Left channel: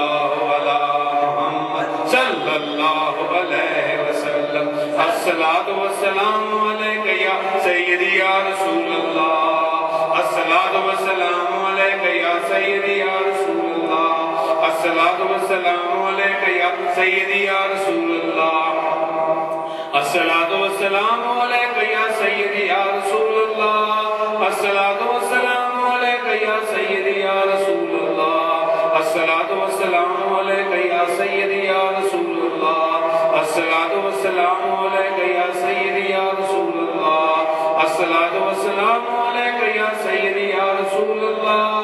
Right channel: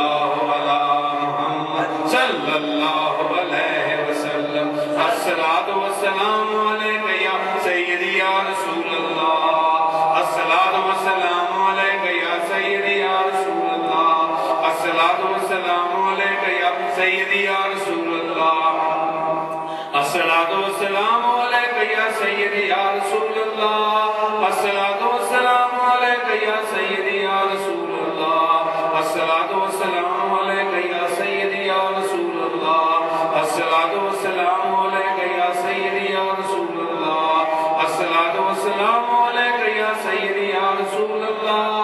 اللہ علی محمد صلی اللہ علیہ وسلم الصلاۃ والسلام علیک یا سیدی یا رسول اللہ الصلاۃ والسلام علیک یا سیدی یا رسول اللہ الصلاۃ والسلام علیک یا سیدی یا رسول اللہ الصلاۃ والسلام علیک یا سیدی یا رسول اللہ الصلاۃ والسلام علیک یا سیدی یا رسول اللہ الصلاۃ والسلام علیک یا سیدی یا رسول اللہ الصلاۃ والسلام علیک یا سیدی یا رسول اللہ الصلاۃ والسلام علیک یا سیدی یا رسول اللہ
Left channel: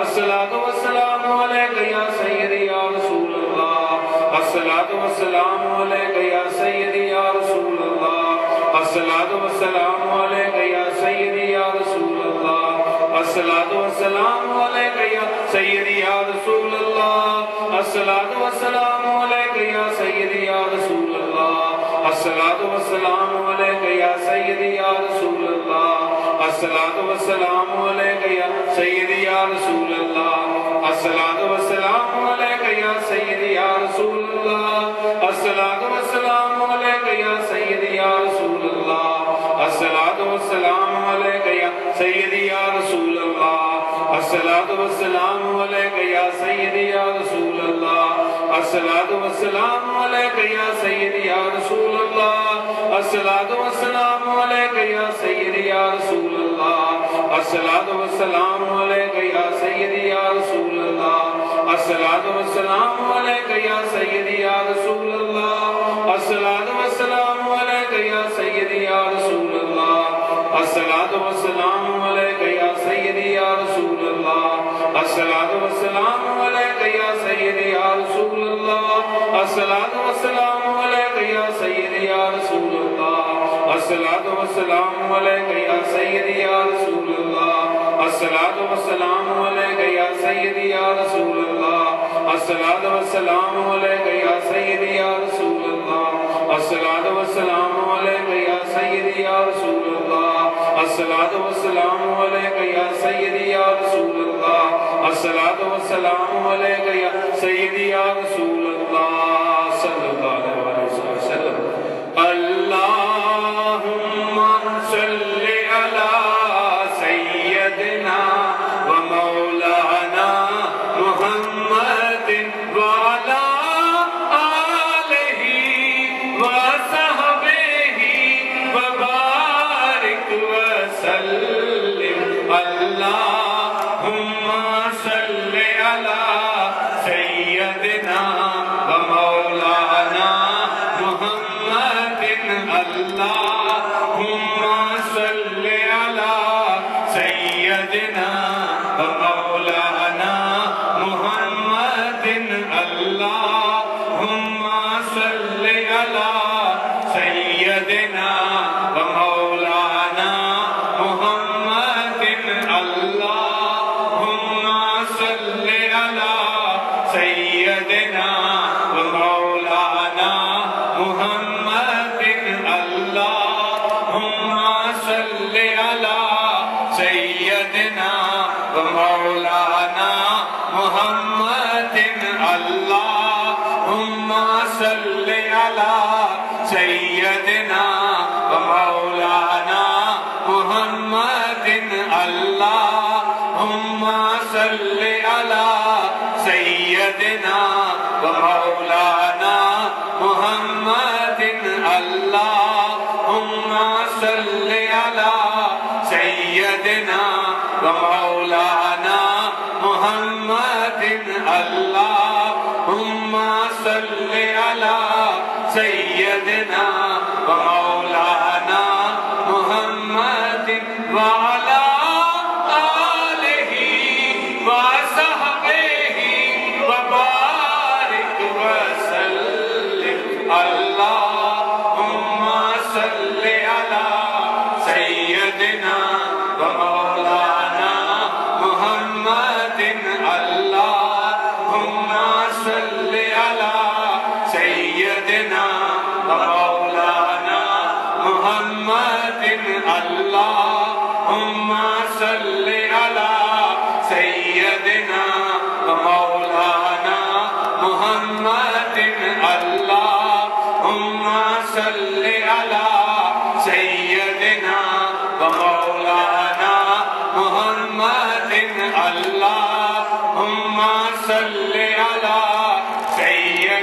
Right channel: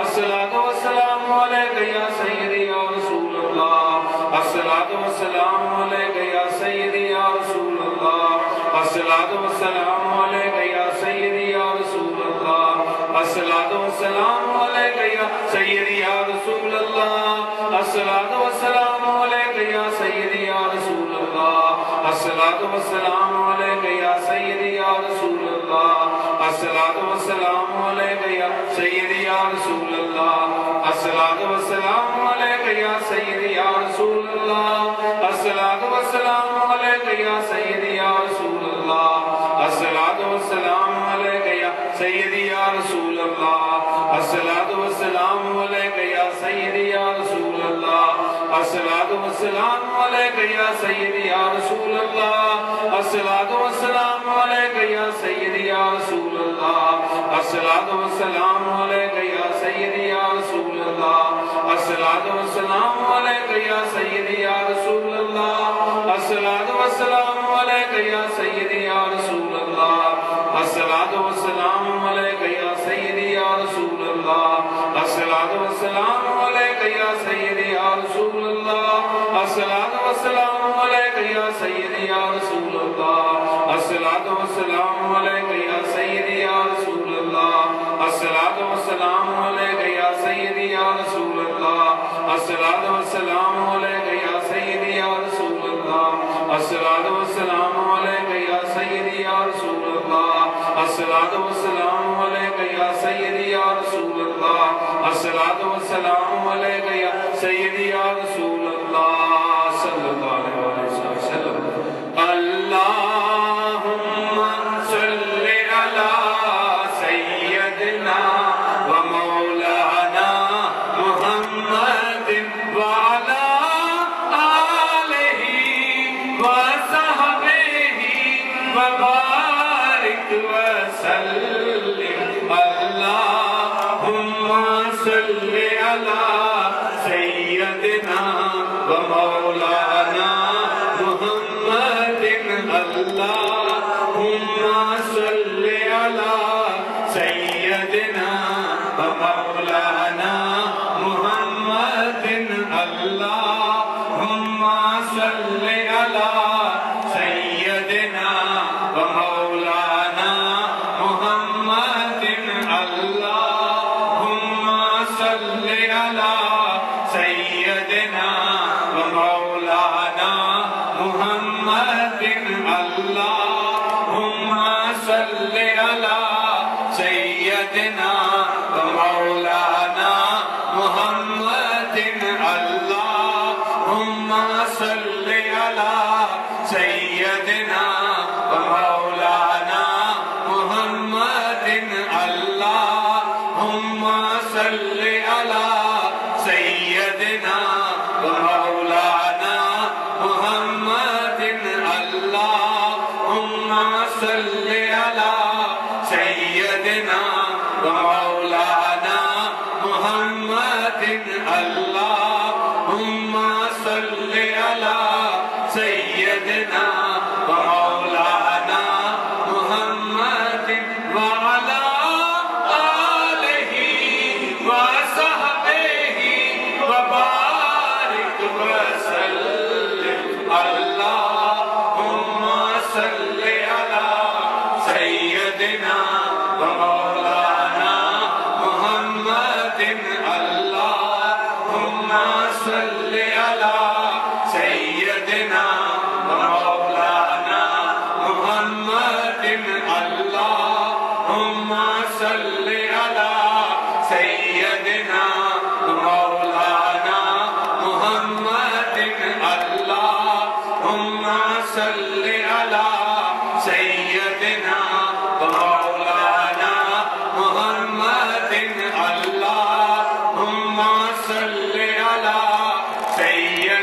الصلاۃ والسلام علیک یا سیدی یا رسول اللہ الصلاۃ والسلام علیک یا سیدی یا رسول اللہ الصلاۃ والسلام علیک یا سیدی یا رسول اللہ الصلاۃ والسلام علیک یا سیدی یا رسول اللہ الصلاۃ والسلام علیک یا سیدی یا رسول اللہ الصلاۃ والسلام علیک یا سیدی یا رسول اللہ الصلاۃ والسلام علیک یا سیدی یا رسول اللہ الصلاۃ والسلام علیک یا سیدی یا رسول اللہ الصلاۃ والسلام علیک یا سیدی یا رسول اللہ الصلاۃ والسلام علیک یا سیدی یا رسول اللہ الصلاۃ والسلام علیک یا سیدی یا رسول اللہ الصلاۃ والسلام علیک یا سیدی یا رسول اللہ الصلاۃ والسلام علیک یا سیدی یا رسول اللہ الصلاۃ والسلام علیک یا سیدی یا رسول اللہ الصلاۃ والسلام علیک یا سیدی یا رسول اللہ الصلاۃ والسلام علیک یا سیدی یا رسول اللہ الصلاۃ والسلام علیک یا سیدی یا رسول اللہ الصلاۃ والسلام علیک یا سیدی یا رسول اللہ الصلاۃ والسلام علیک یا سیدی یا رسول اللہ الصلاۃ والسلام علیک یا سیدی یا رسول اللہ الصلاۃ والسلام علیک یا سیدی یا رسول اللہ الصلاۃ والسلام علیک یا سیدی یا رسول اللہ الصلاۃ والسلام علیک یا سیدی یا رسول اللہ الصلاۃ والسلام علیک یا سیدی یا رسول اللہ الصلاۃ والسلام علیک یا سیدی یا رسول اللہ صلی اللہ علیہ وسلم اللہم صلی علی سیدنا و مولانا محمد وعلی آلہ وصحبہ وبارک وسلم اللہم صلی علی سیدنا و مولانا محمد اللہم صلی علی سیدنا و مولانا محمد اللہم صلی علی سیدنا و مولانا محمد اللہم صلی علی سیدنا و مولانا محمد اللہم صلی علی سیدنا و مولانا محمد اللہم صلی علی سیدنا و مولانا محمد اللہم صلی علی سیدنا و مولانا محمد اللہم صلی علی سیدنا و مولانا محمد اللہم صلی علی سیدنا و مولانا محمد وعلی آلہ وصحبہ وبارک وسلم اللہم صلی علی سیدنا و مولانا محمد اللہم صلی علی سیدنا و مولانا محمد اللہم صلی علی سیدنا و مولانا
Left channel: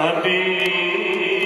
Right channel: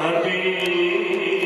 حبیب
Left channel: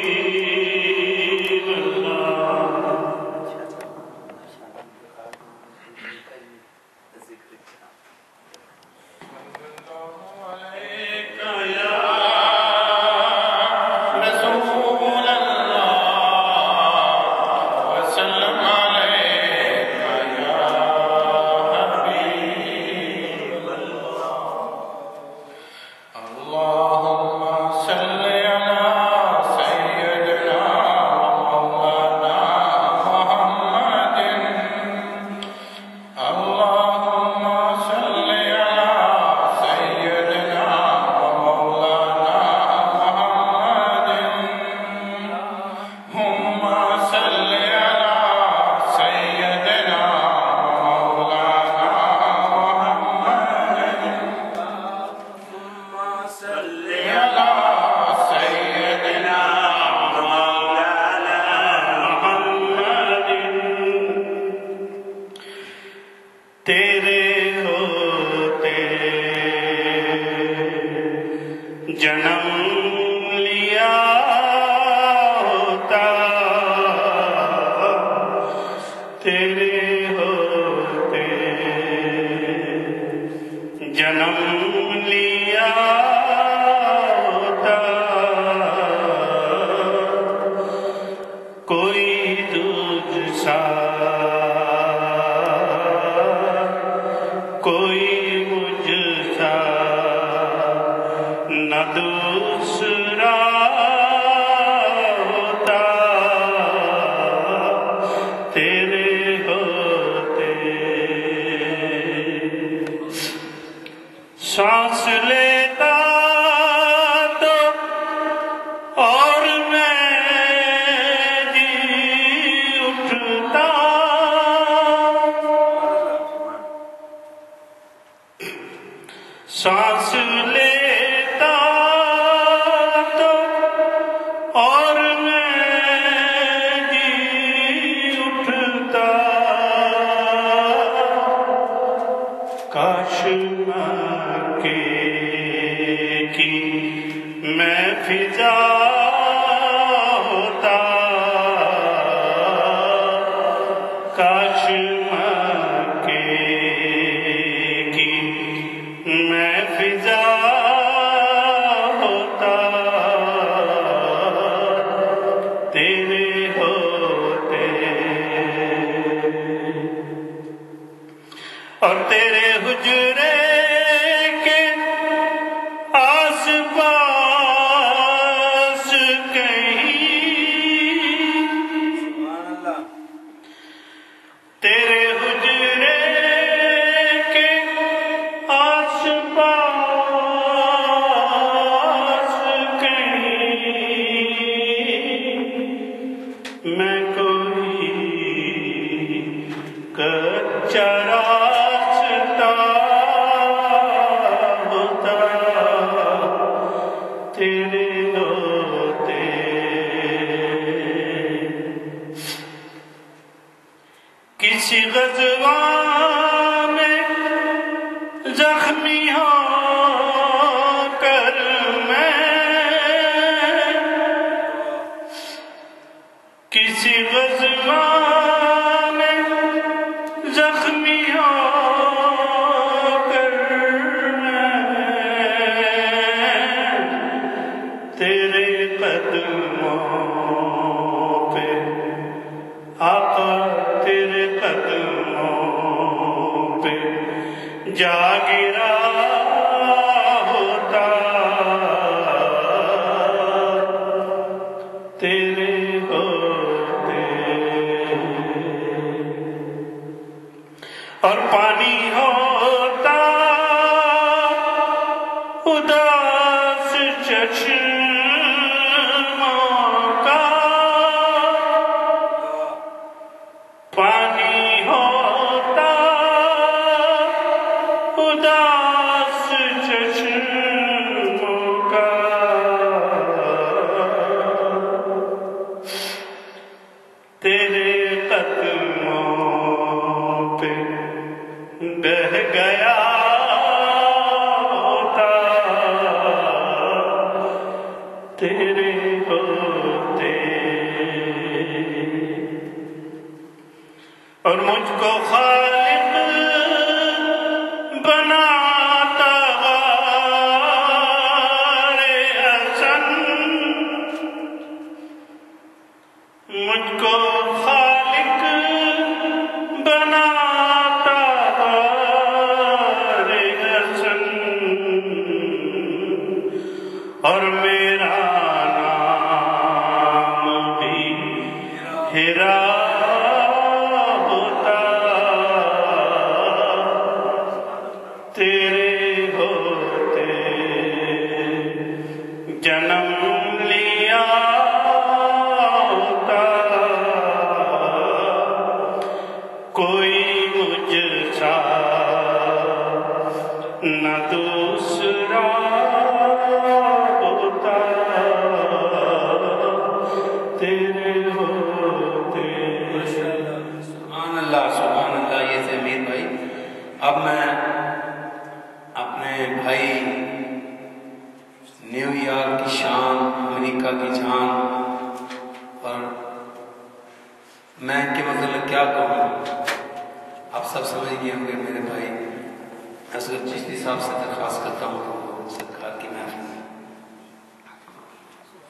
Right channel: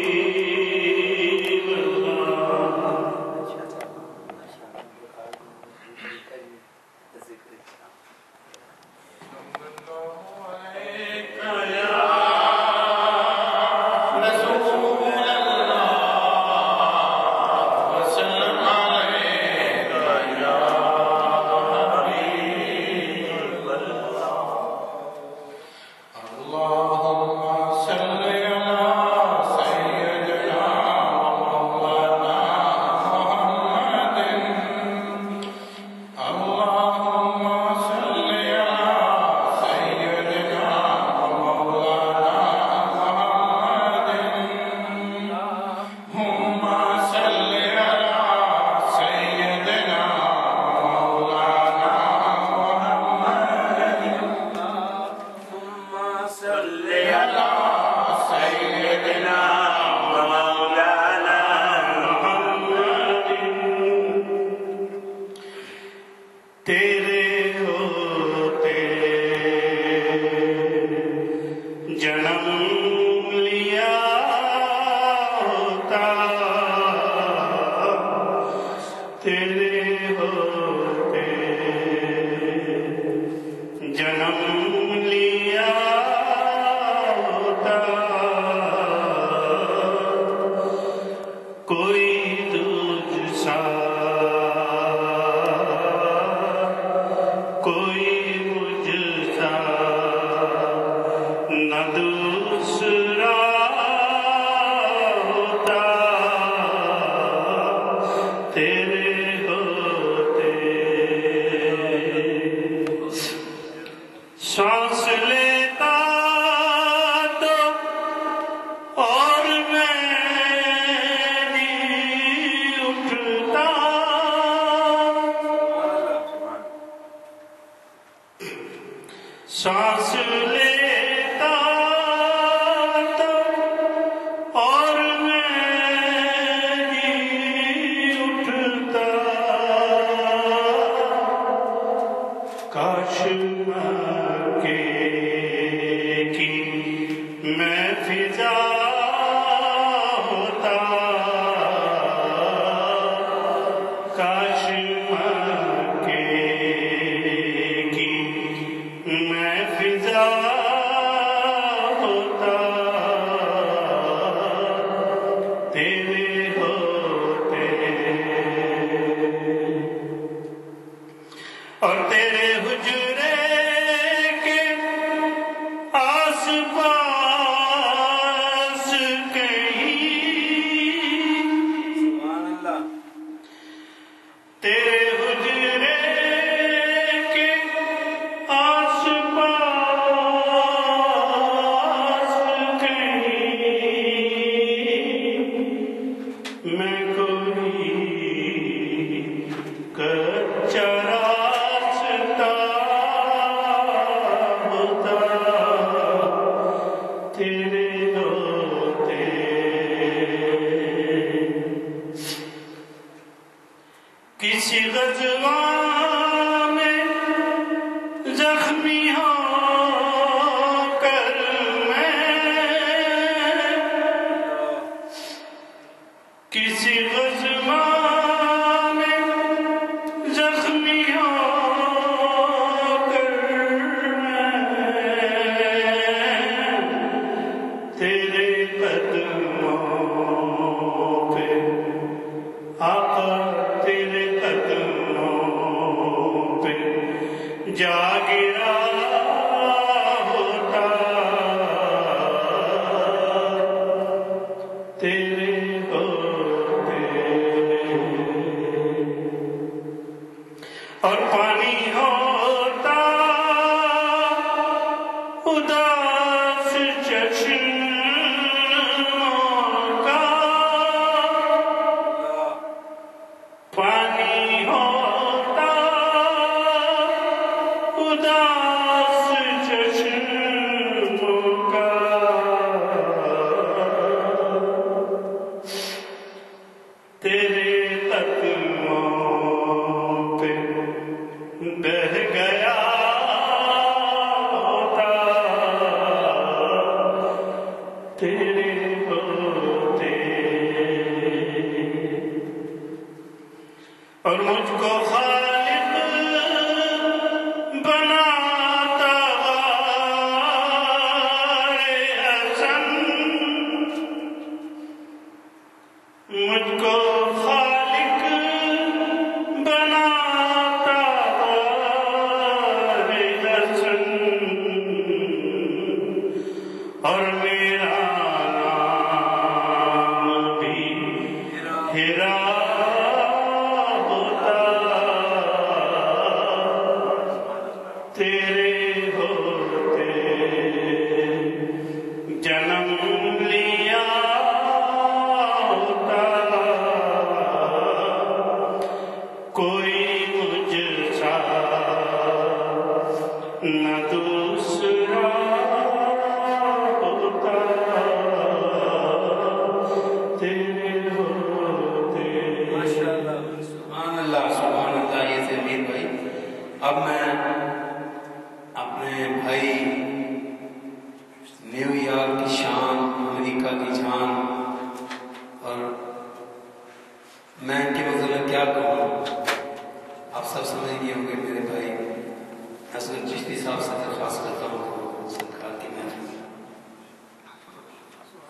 اللہ کی جان، اور میں ان کے متعلق کیا کہوں، آپ سب سمجھ گئے ہوں گے میرے بھائی حضرت چشتی صاحب سے درخواست کرتا ہوں سرکار کی محفل میں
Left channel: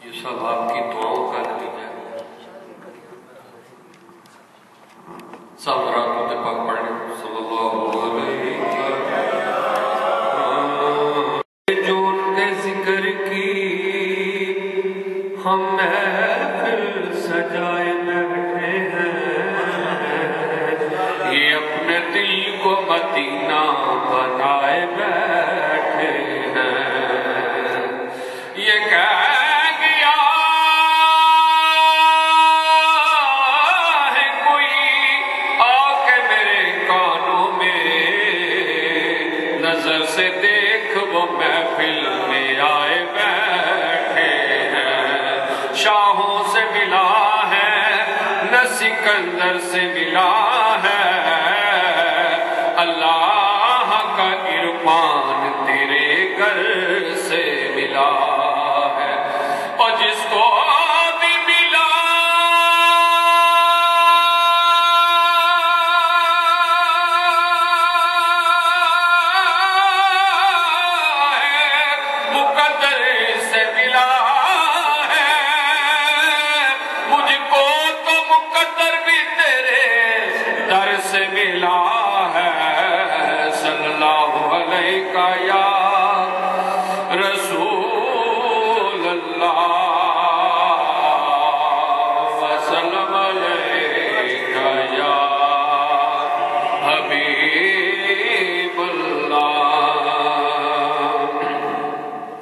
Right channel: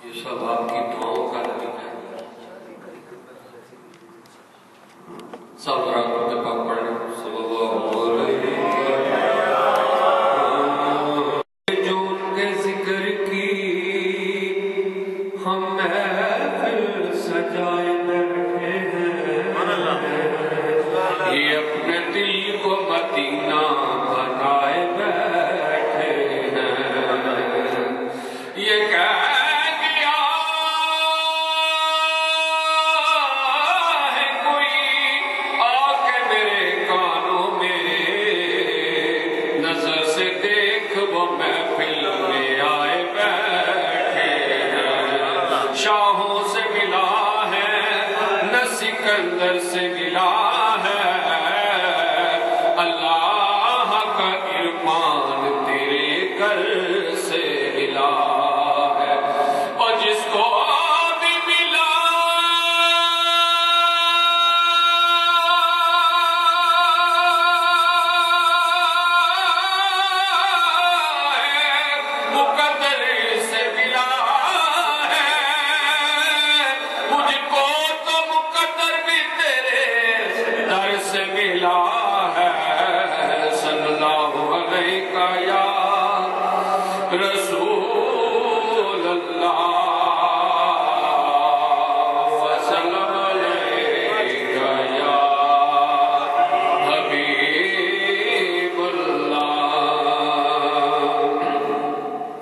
یہ سب آپ کی دعاؤں کا نتیجہ ہے۔ سب رات کو پاک پڑھیں صلی اللہ علیہ وسلم۔ جو ان کے ذکر کی ہم محفل سجائے بیٹھے ہیں، یہ اپنے دل کو مدینہ بنائے بیٹھے ہیں، یہ کہہ محفل میں آئے بیٹھے ہیں، شاہوں سے ملا ہے نہ سکندر سے ملا ہے، اللہ کا عرفان تیرے گھر سے ملا ہے، اور جس کو بھی ملا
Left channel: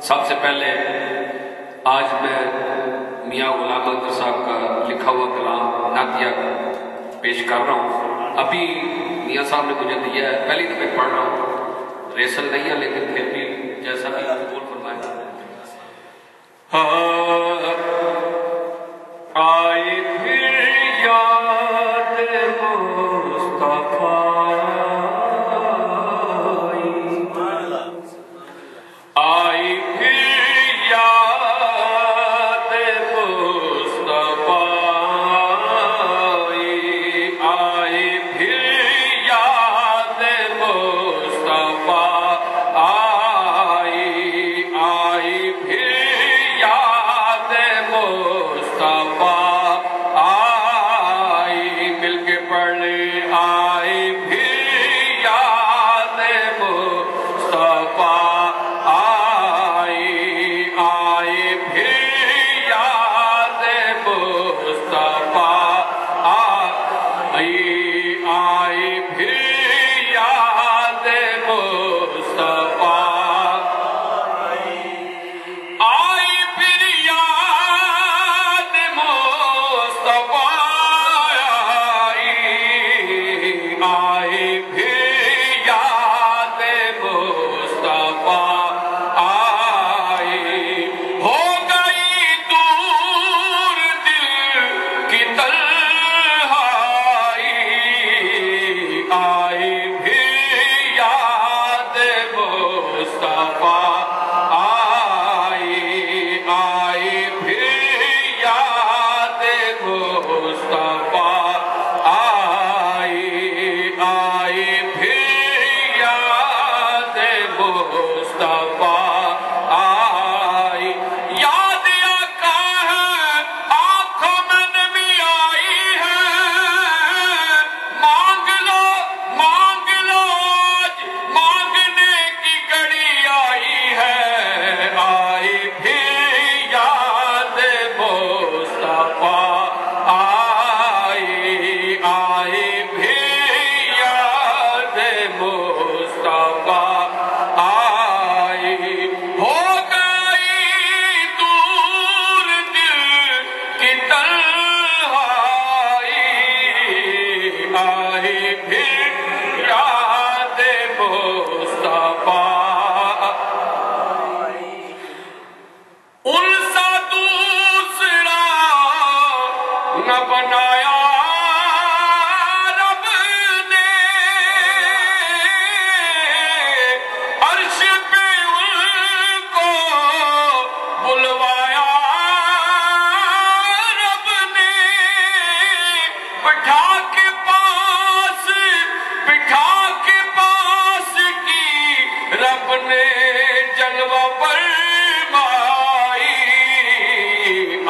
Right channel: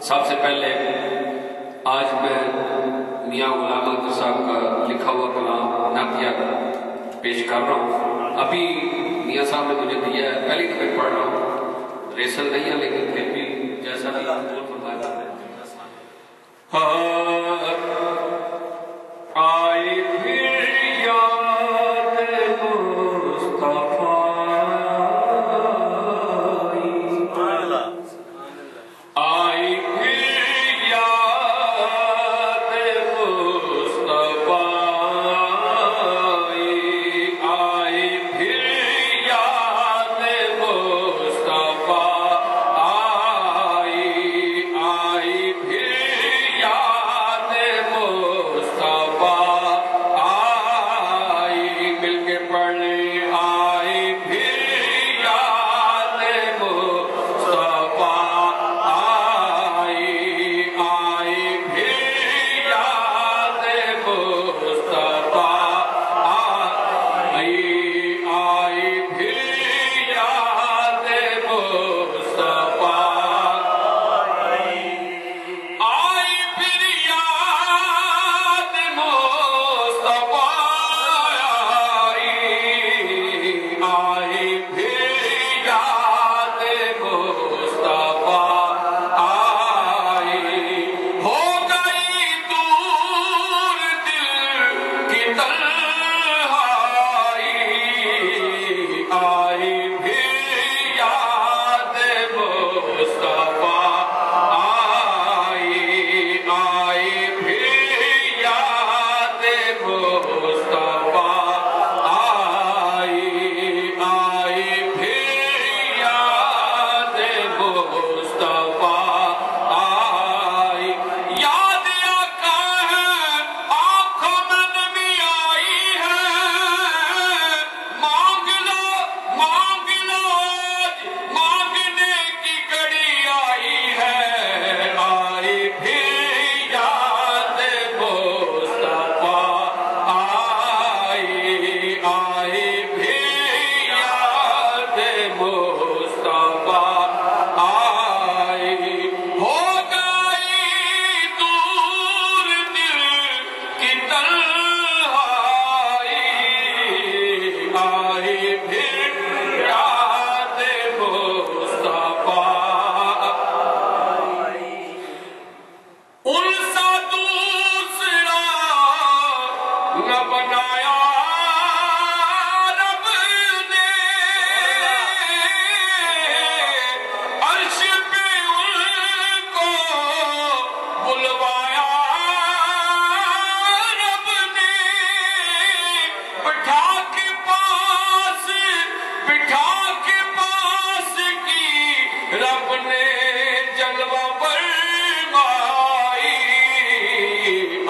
سب سے پہلے آج میں میاں غلام احمد صاحب کا لکھا ہوا کلام نعتیہ پیش کر رہا ہوں۔ ابھی میاں صاحب نے مجھے دیا ہے، پہلی دفعہ پڑھ رہا ہوں، ریسل نہیں ہے لیکن پھر بھی جیسا بھی قبول فرمائے۔ آئی پھر یاد مصطفیٰ، آئی پھر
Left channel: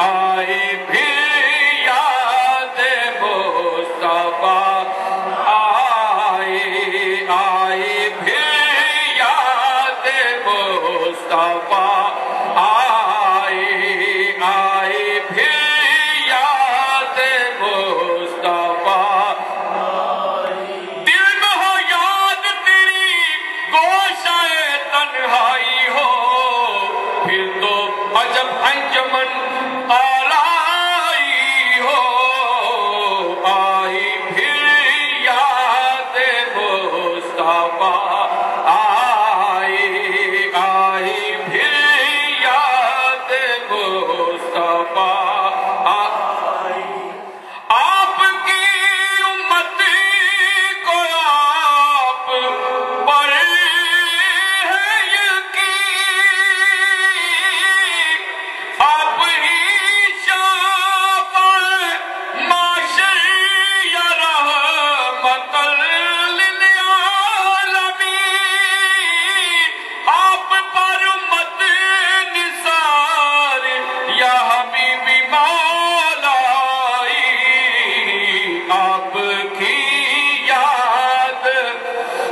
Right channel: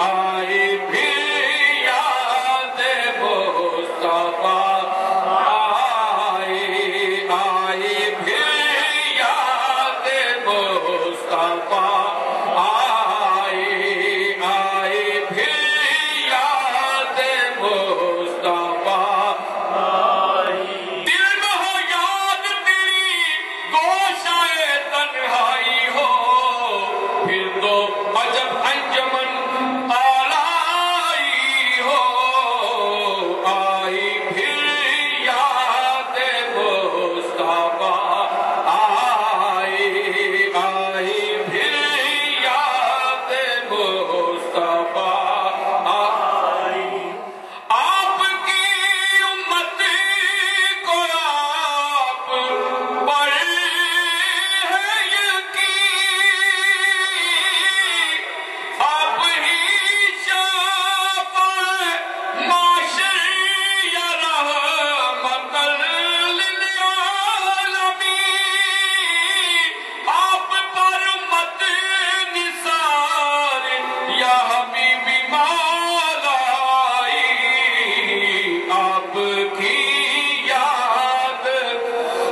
آئی پھر یاد مصطفیٰ، آئی پھر یاد مصطفیٰ، آئی پھر یاد مصطفیٰ، دل میں ہو یاد تیری گوشائے تنہائی ہو، پھر تو عجب انجمن آلائی ہو، آئی پھر یاد مصطفیٰ، آئی پھر یاد مصطفیٰ، آپ کی امت کو آپ پر ہے یقین، آپ ہی شافع معاشر یا رحمت للعالمین، آپ پر مت نثار یا حبیبی مولائی، آپ کی یاد،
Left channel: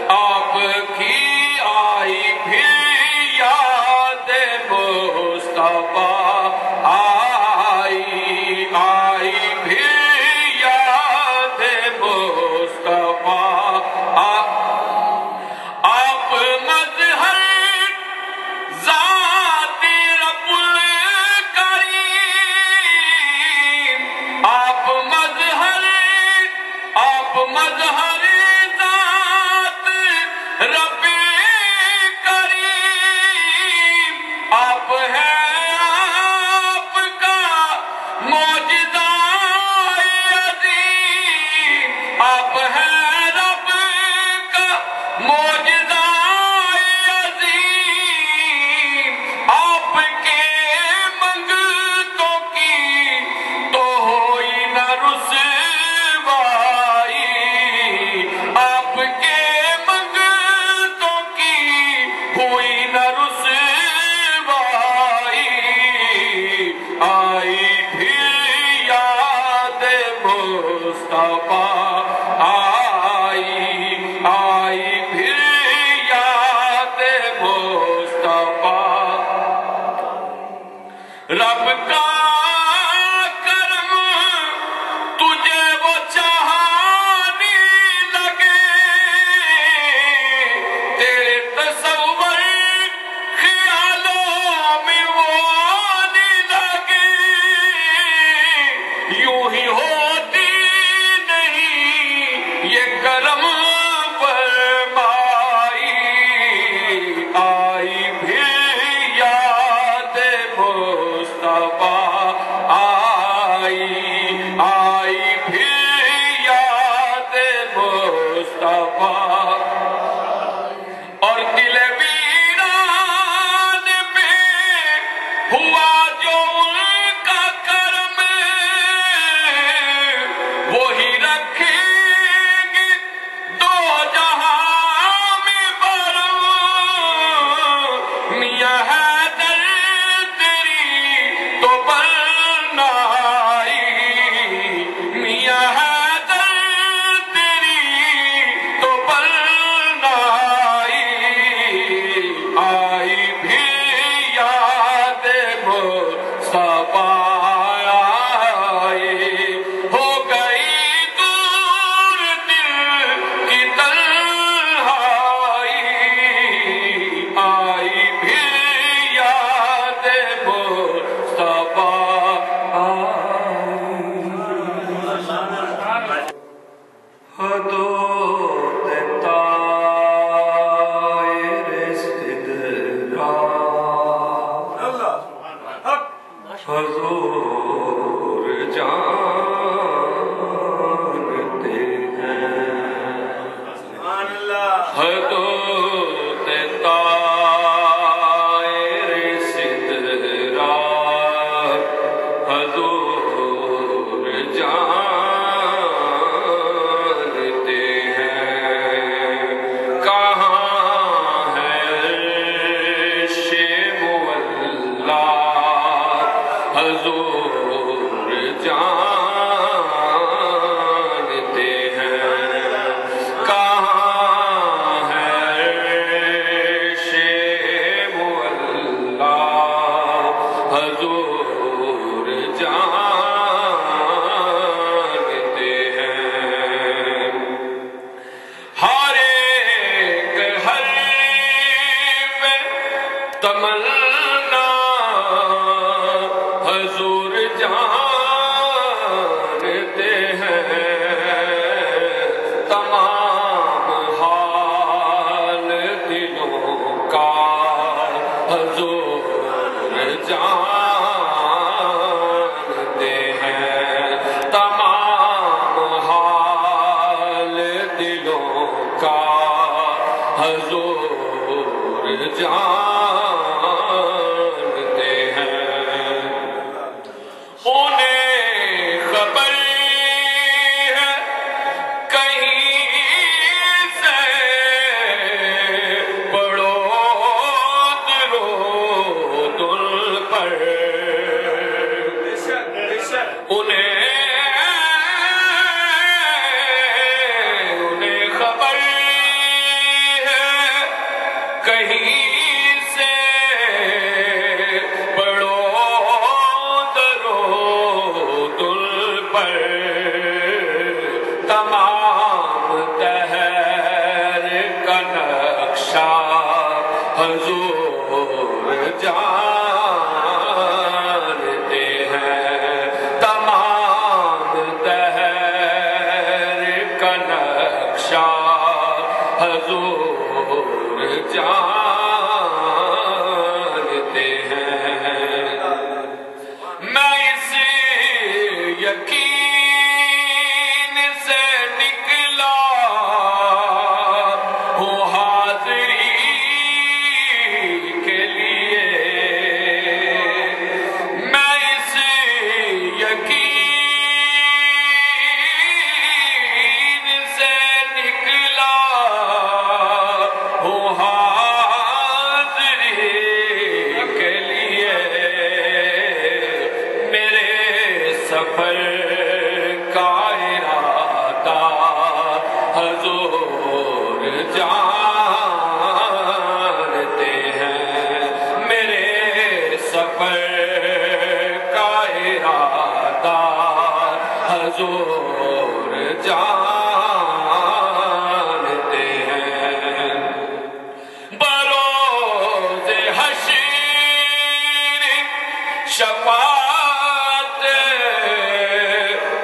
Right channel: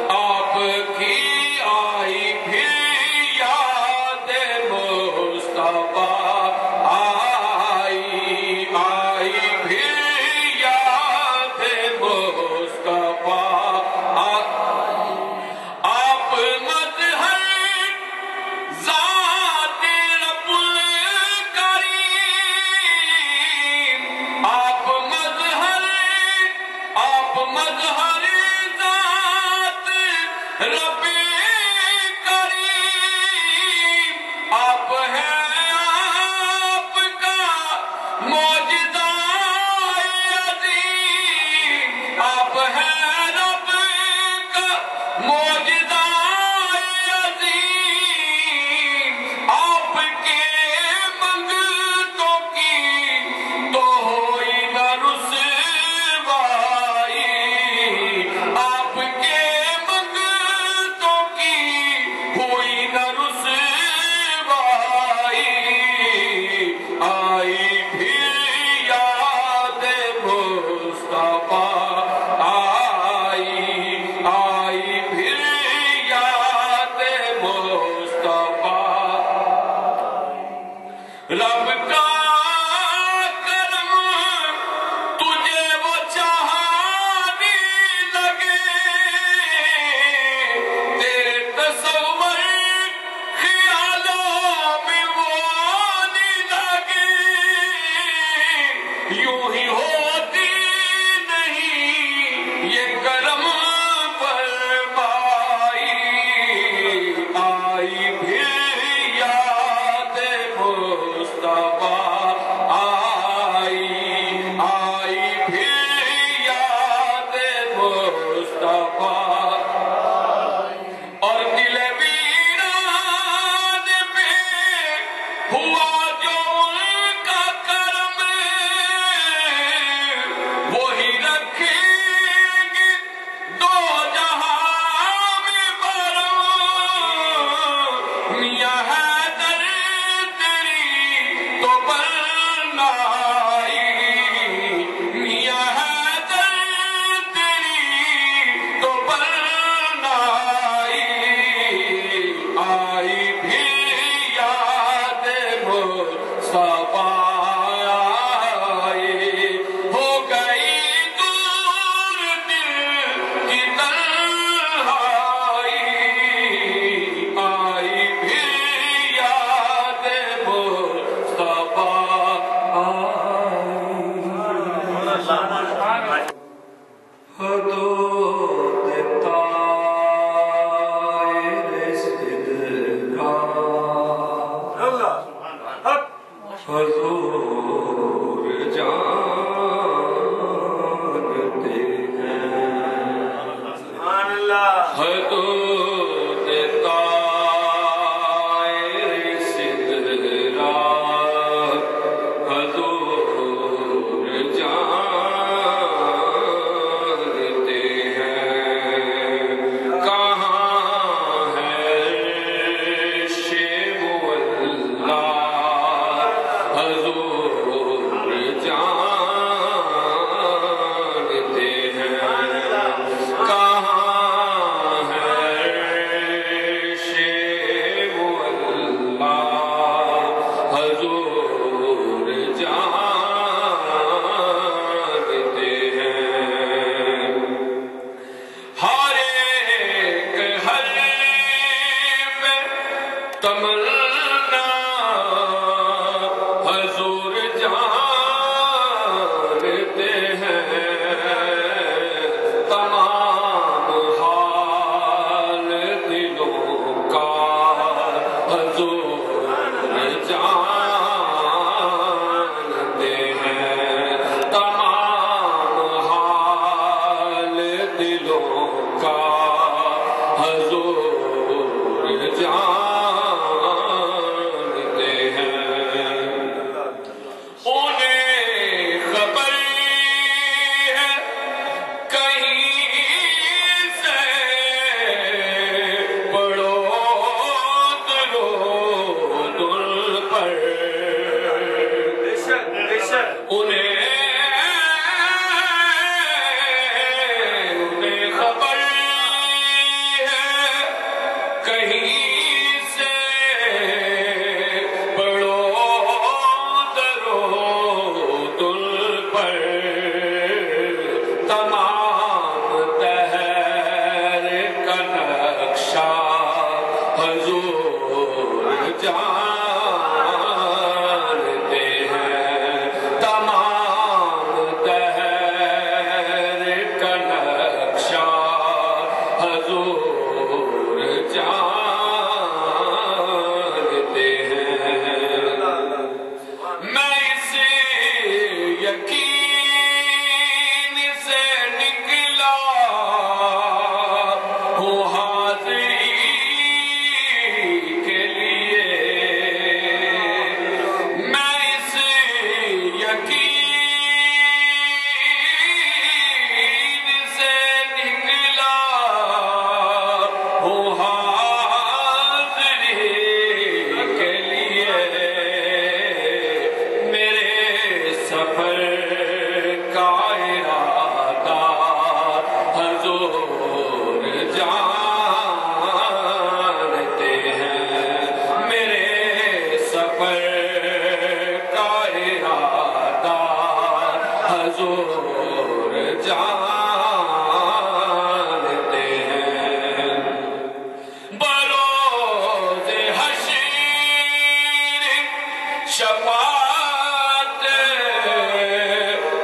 آپ کی آئی پھر یاد مصطفیٰ، آئی پھر یاد مصطفیٰ، آپ مظہر ذات رب الکریم، آپ مظہر ذات رب کریم، آپ ہے آپ کا معجزہ عظیم، آپ ہے رب کا معجزہ عظیم، آپ کے منگتوں کی تو ہوئی نہ رسوائی، آپ کے منگتوں کی ہوئی نہ رسوائی، آئی پھر یاد مصطفیٰ، آئی پھر یاد مصطفیٰ، رب کا کرم تجھے وہ چاہنے لگے، تیرے تصور خیالوں میں وہ آنے لگے، یوں ہی ہوتی نہیں یہ کرم فرمائی، آئی پھر یاد مصطفیٰ، آئی پھر یاد مصطفیٰ، اور دل ویران پہ ہوا جو ان کا کرم، انہیں خبر ہے کہیں سے پڑھو درود پر تمام دہر کا نقشہ حضور جانتے ہیں تمام دہر کا نقشہ حضور جانتے ہیں میں اس یقین سے نکلا ہوں حاضری کے لیے میں اس یقین سے نکلا ہوں حاضری کے لیے میرے سفر کا ارادہ حضور جانتے ہیں میرے سفر کا ارادہ حضور جانتے ہیں بروز حشر شفاعت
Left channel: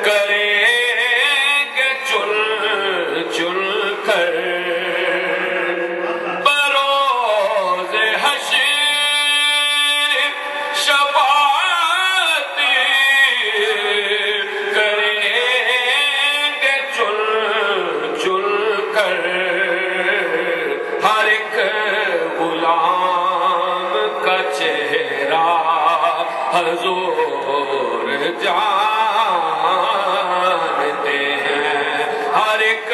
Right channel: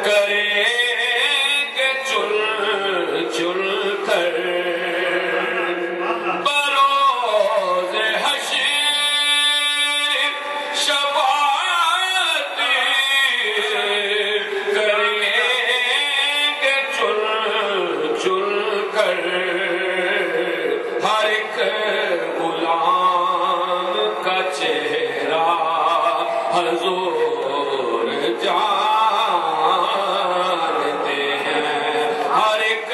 کریں گے چن چن کر بروز حشر شفاعت کریں گے چن چن کر ہر ایک غلام کا چہرہ حضور جانتے ہیں ہر ایک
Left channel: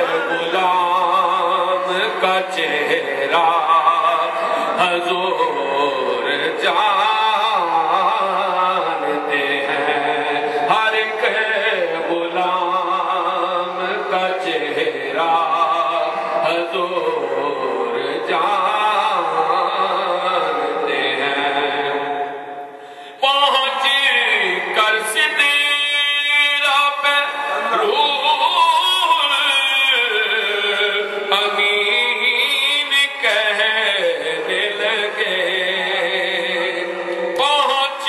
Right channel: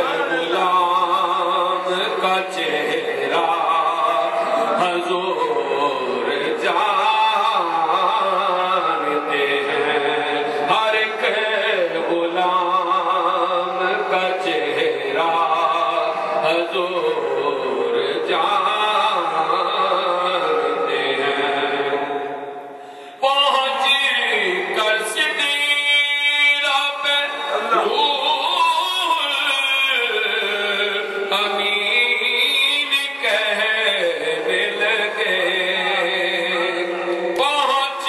غلام کا چہرہ حضور جانتے ہیں ہر ایک غلام کا چہرہ حضور جانتے ہیں پہنچ کر سدرہ پہ روح امین کہنے لگے پہنچ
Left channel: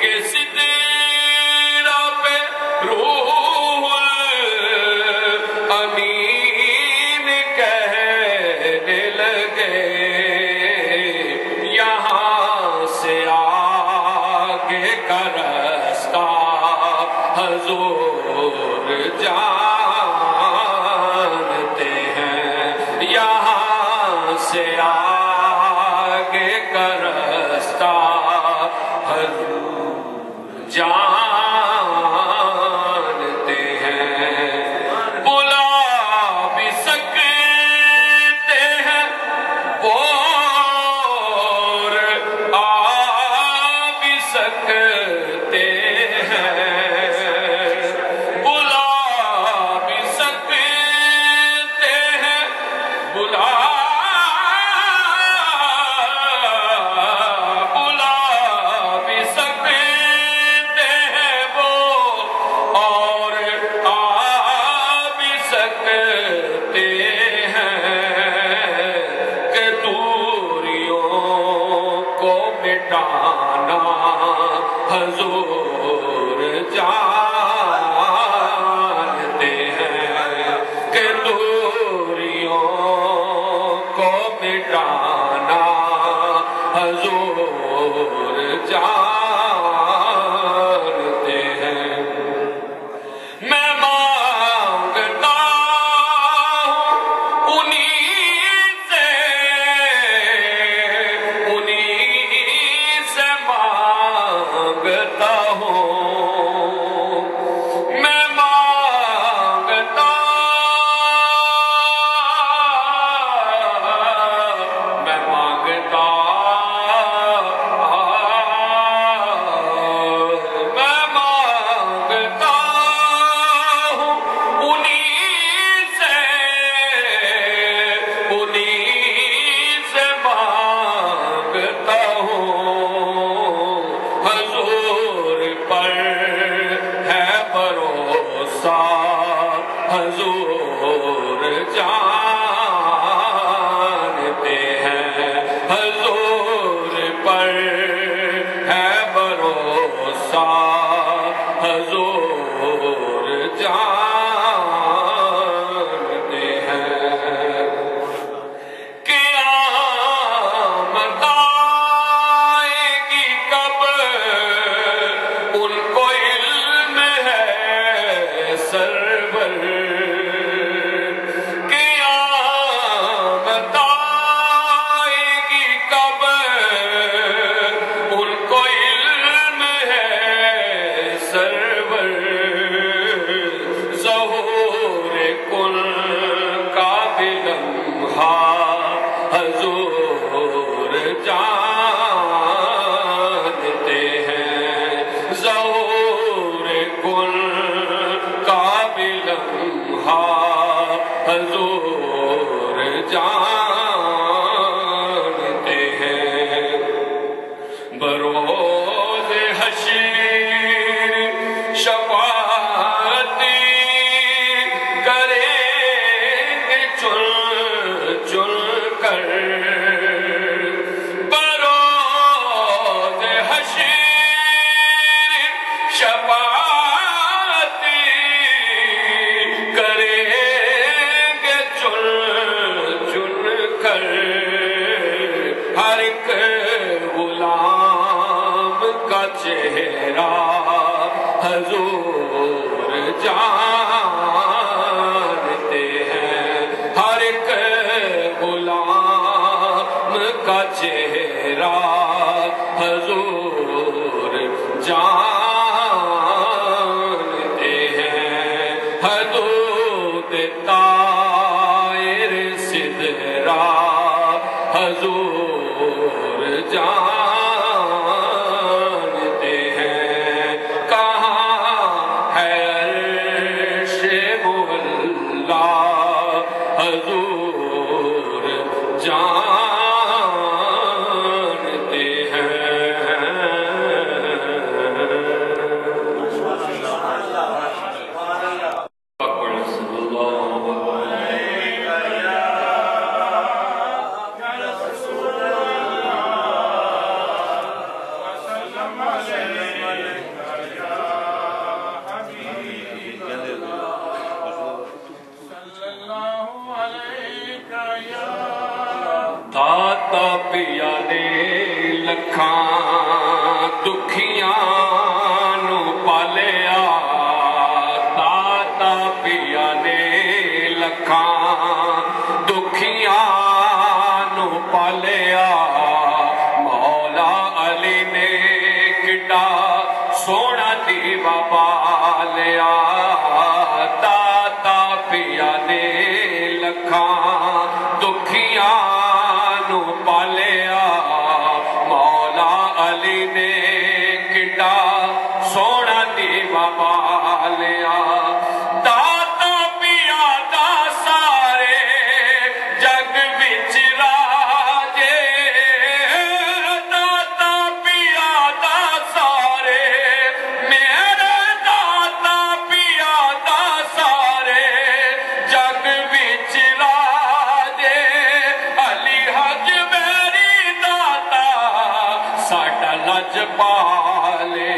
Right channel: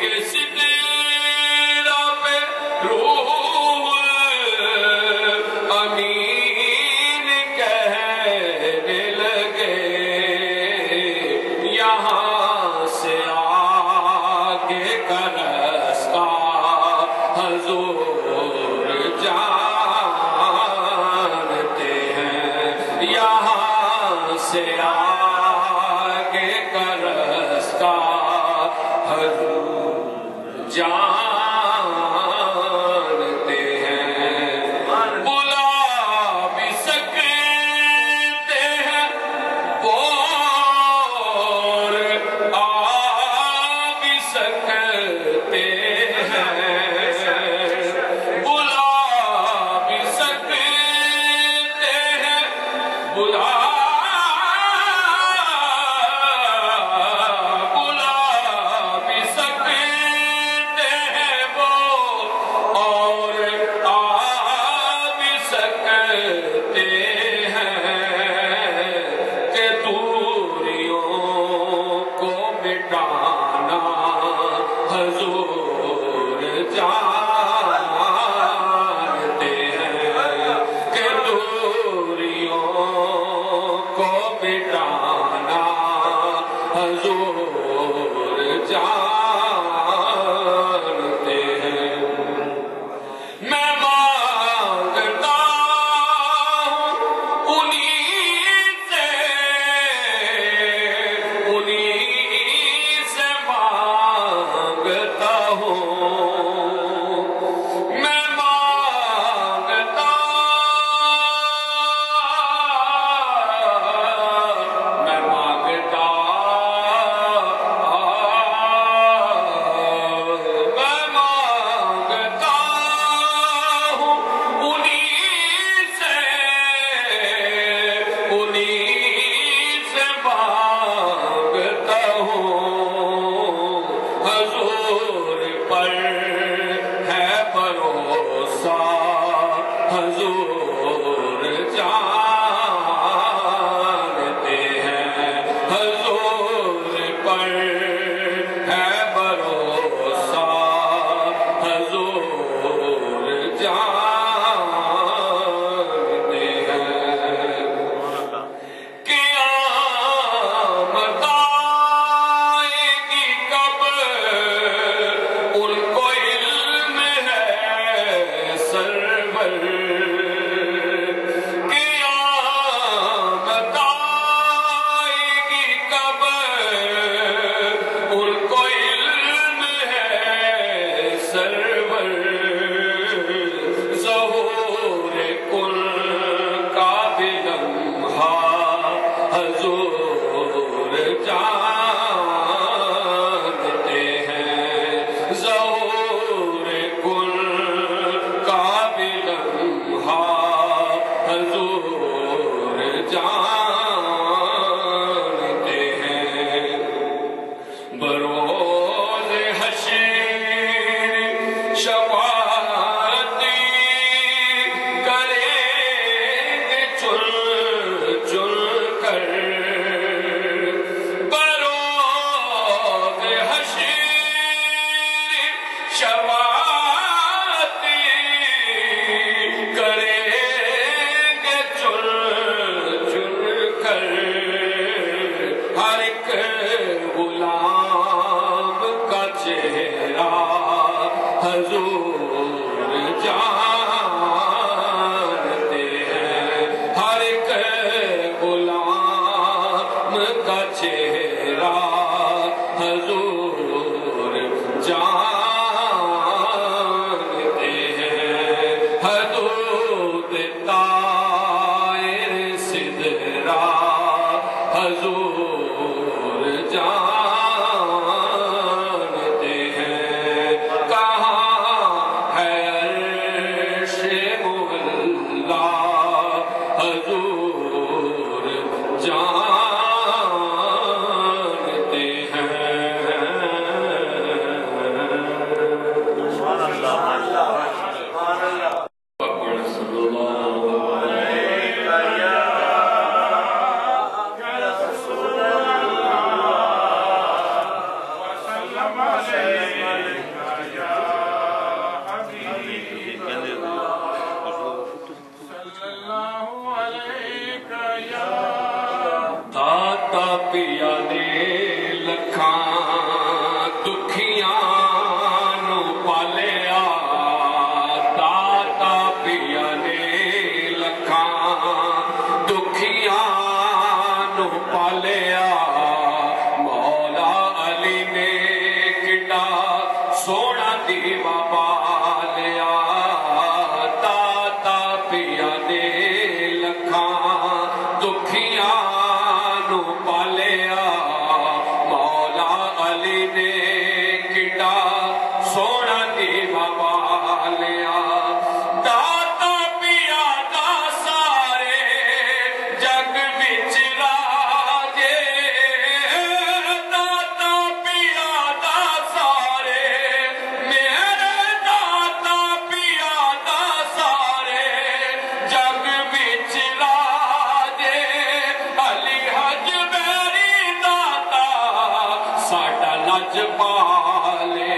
کے سدرہ پہ روح امین کہنے لگے یہاں سے آگے کا رستہ حضور جانتے ہیں یہاں سے آگے کا رستہ حضور جانتے ہیں بلا بھی سکتے ہیں اور آ بھی سکتے ہیں بلا بھی سکتے ہیں بلا بھی سکتے بھروسہ حضور جانتے ہیں، حضور پر ہے بھروسہ حضور جانتے ہیں۔ قیامت آئے گی کب ان کو علم ہے سرور، قیامت آئے گی کب ان کو علم ہے سرور، ظہور کل کا بھی لمحہ حضور جانتے ہیں، ظہور کل کا بھی لمحہ حضور جانتے ہیں۔ بروز حشر شفاعت کریں گے چن چن کر، بروز حشر شفاعت کریں گے چن چن کر، ہر ایک غلام کا چہرہ حضور جانتے ہیں، ہر ایک غلام کا چہرہ حضور جانتے ہیں، حدود طائر سدرہ حضور جانتے ہیں، کہاں ہے عرش مولا حضور جانتے ہیں۔ داتا پیا نے لکھاں دکھیاں نو پالیا، داتا پیا نے لکھاں دکھیاں نو پالیا، مولا علی نے کڈا سونا دیوا پالیا، داتا پیا نے لکھاں دکھیاں نو پالیا، مولا علی نے کڈا سونا دیوا پالیا، داتا پیا دا سارے جگ وچ راجے، داتا پیا دا سارے میرے داتا پیا دا سارے جگ وچ راجے، علی حج میری داتا ساڈا لج پالے،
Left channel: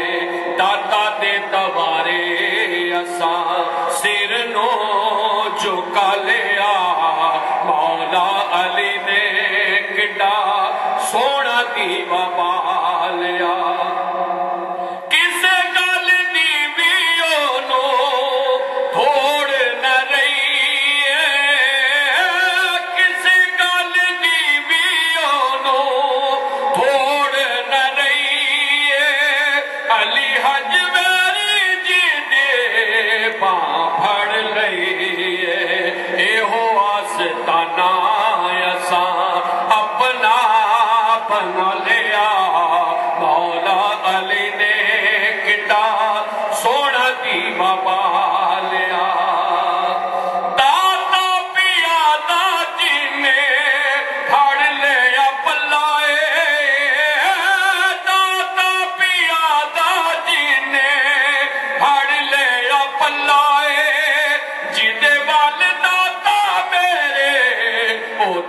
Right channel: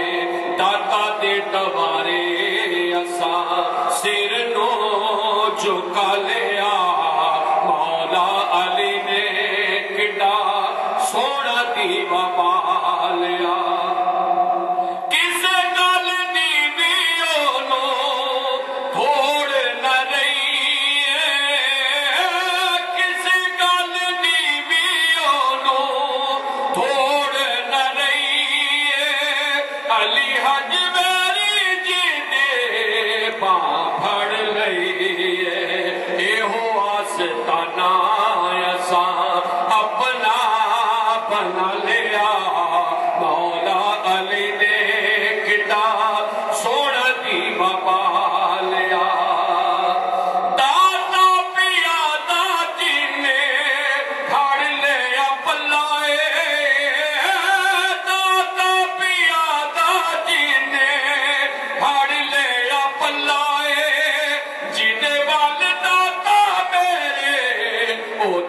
داتا دے دوارے اساں سر نو جھکا لیا، مولا علی نے کڈا سونا دیوا پالیا، کسے گل دی بھی اونوں تھوڑ نہ رہی ہے، کسے گل دی بھی اونوں تھوڑ نہ رہی ہے، علی حج میری جی دے باں پھڑ لئی ہے، ایہو آستانہ اساں اپنا بنا لیا، مولا علی نے کڈا سونا دیوا پالیا، داتا پیا دا جینے پھڑ لیا پلائے، داتا پیا دا جینے پھڑ لیا پلائے،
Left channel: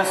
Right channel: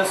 10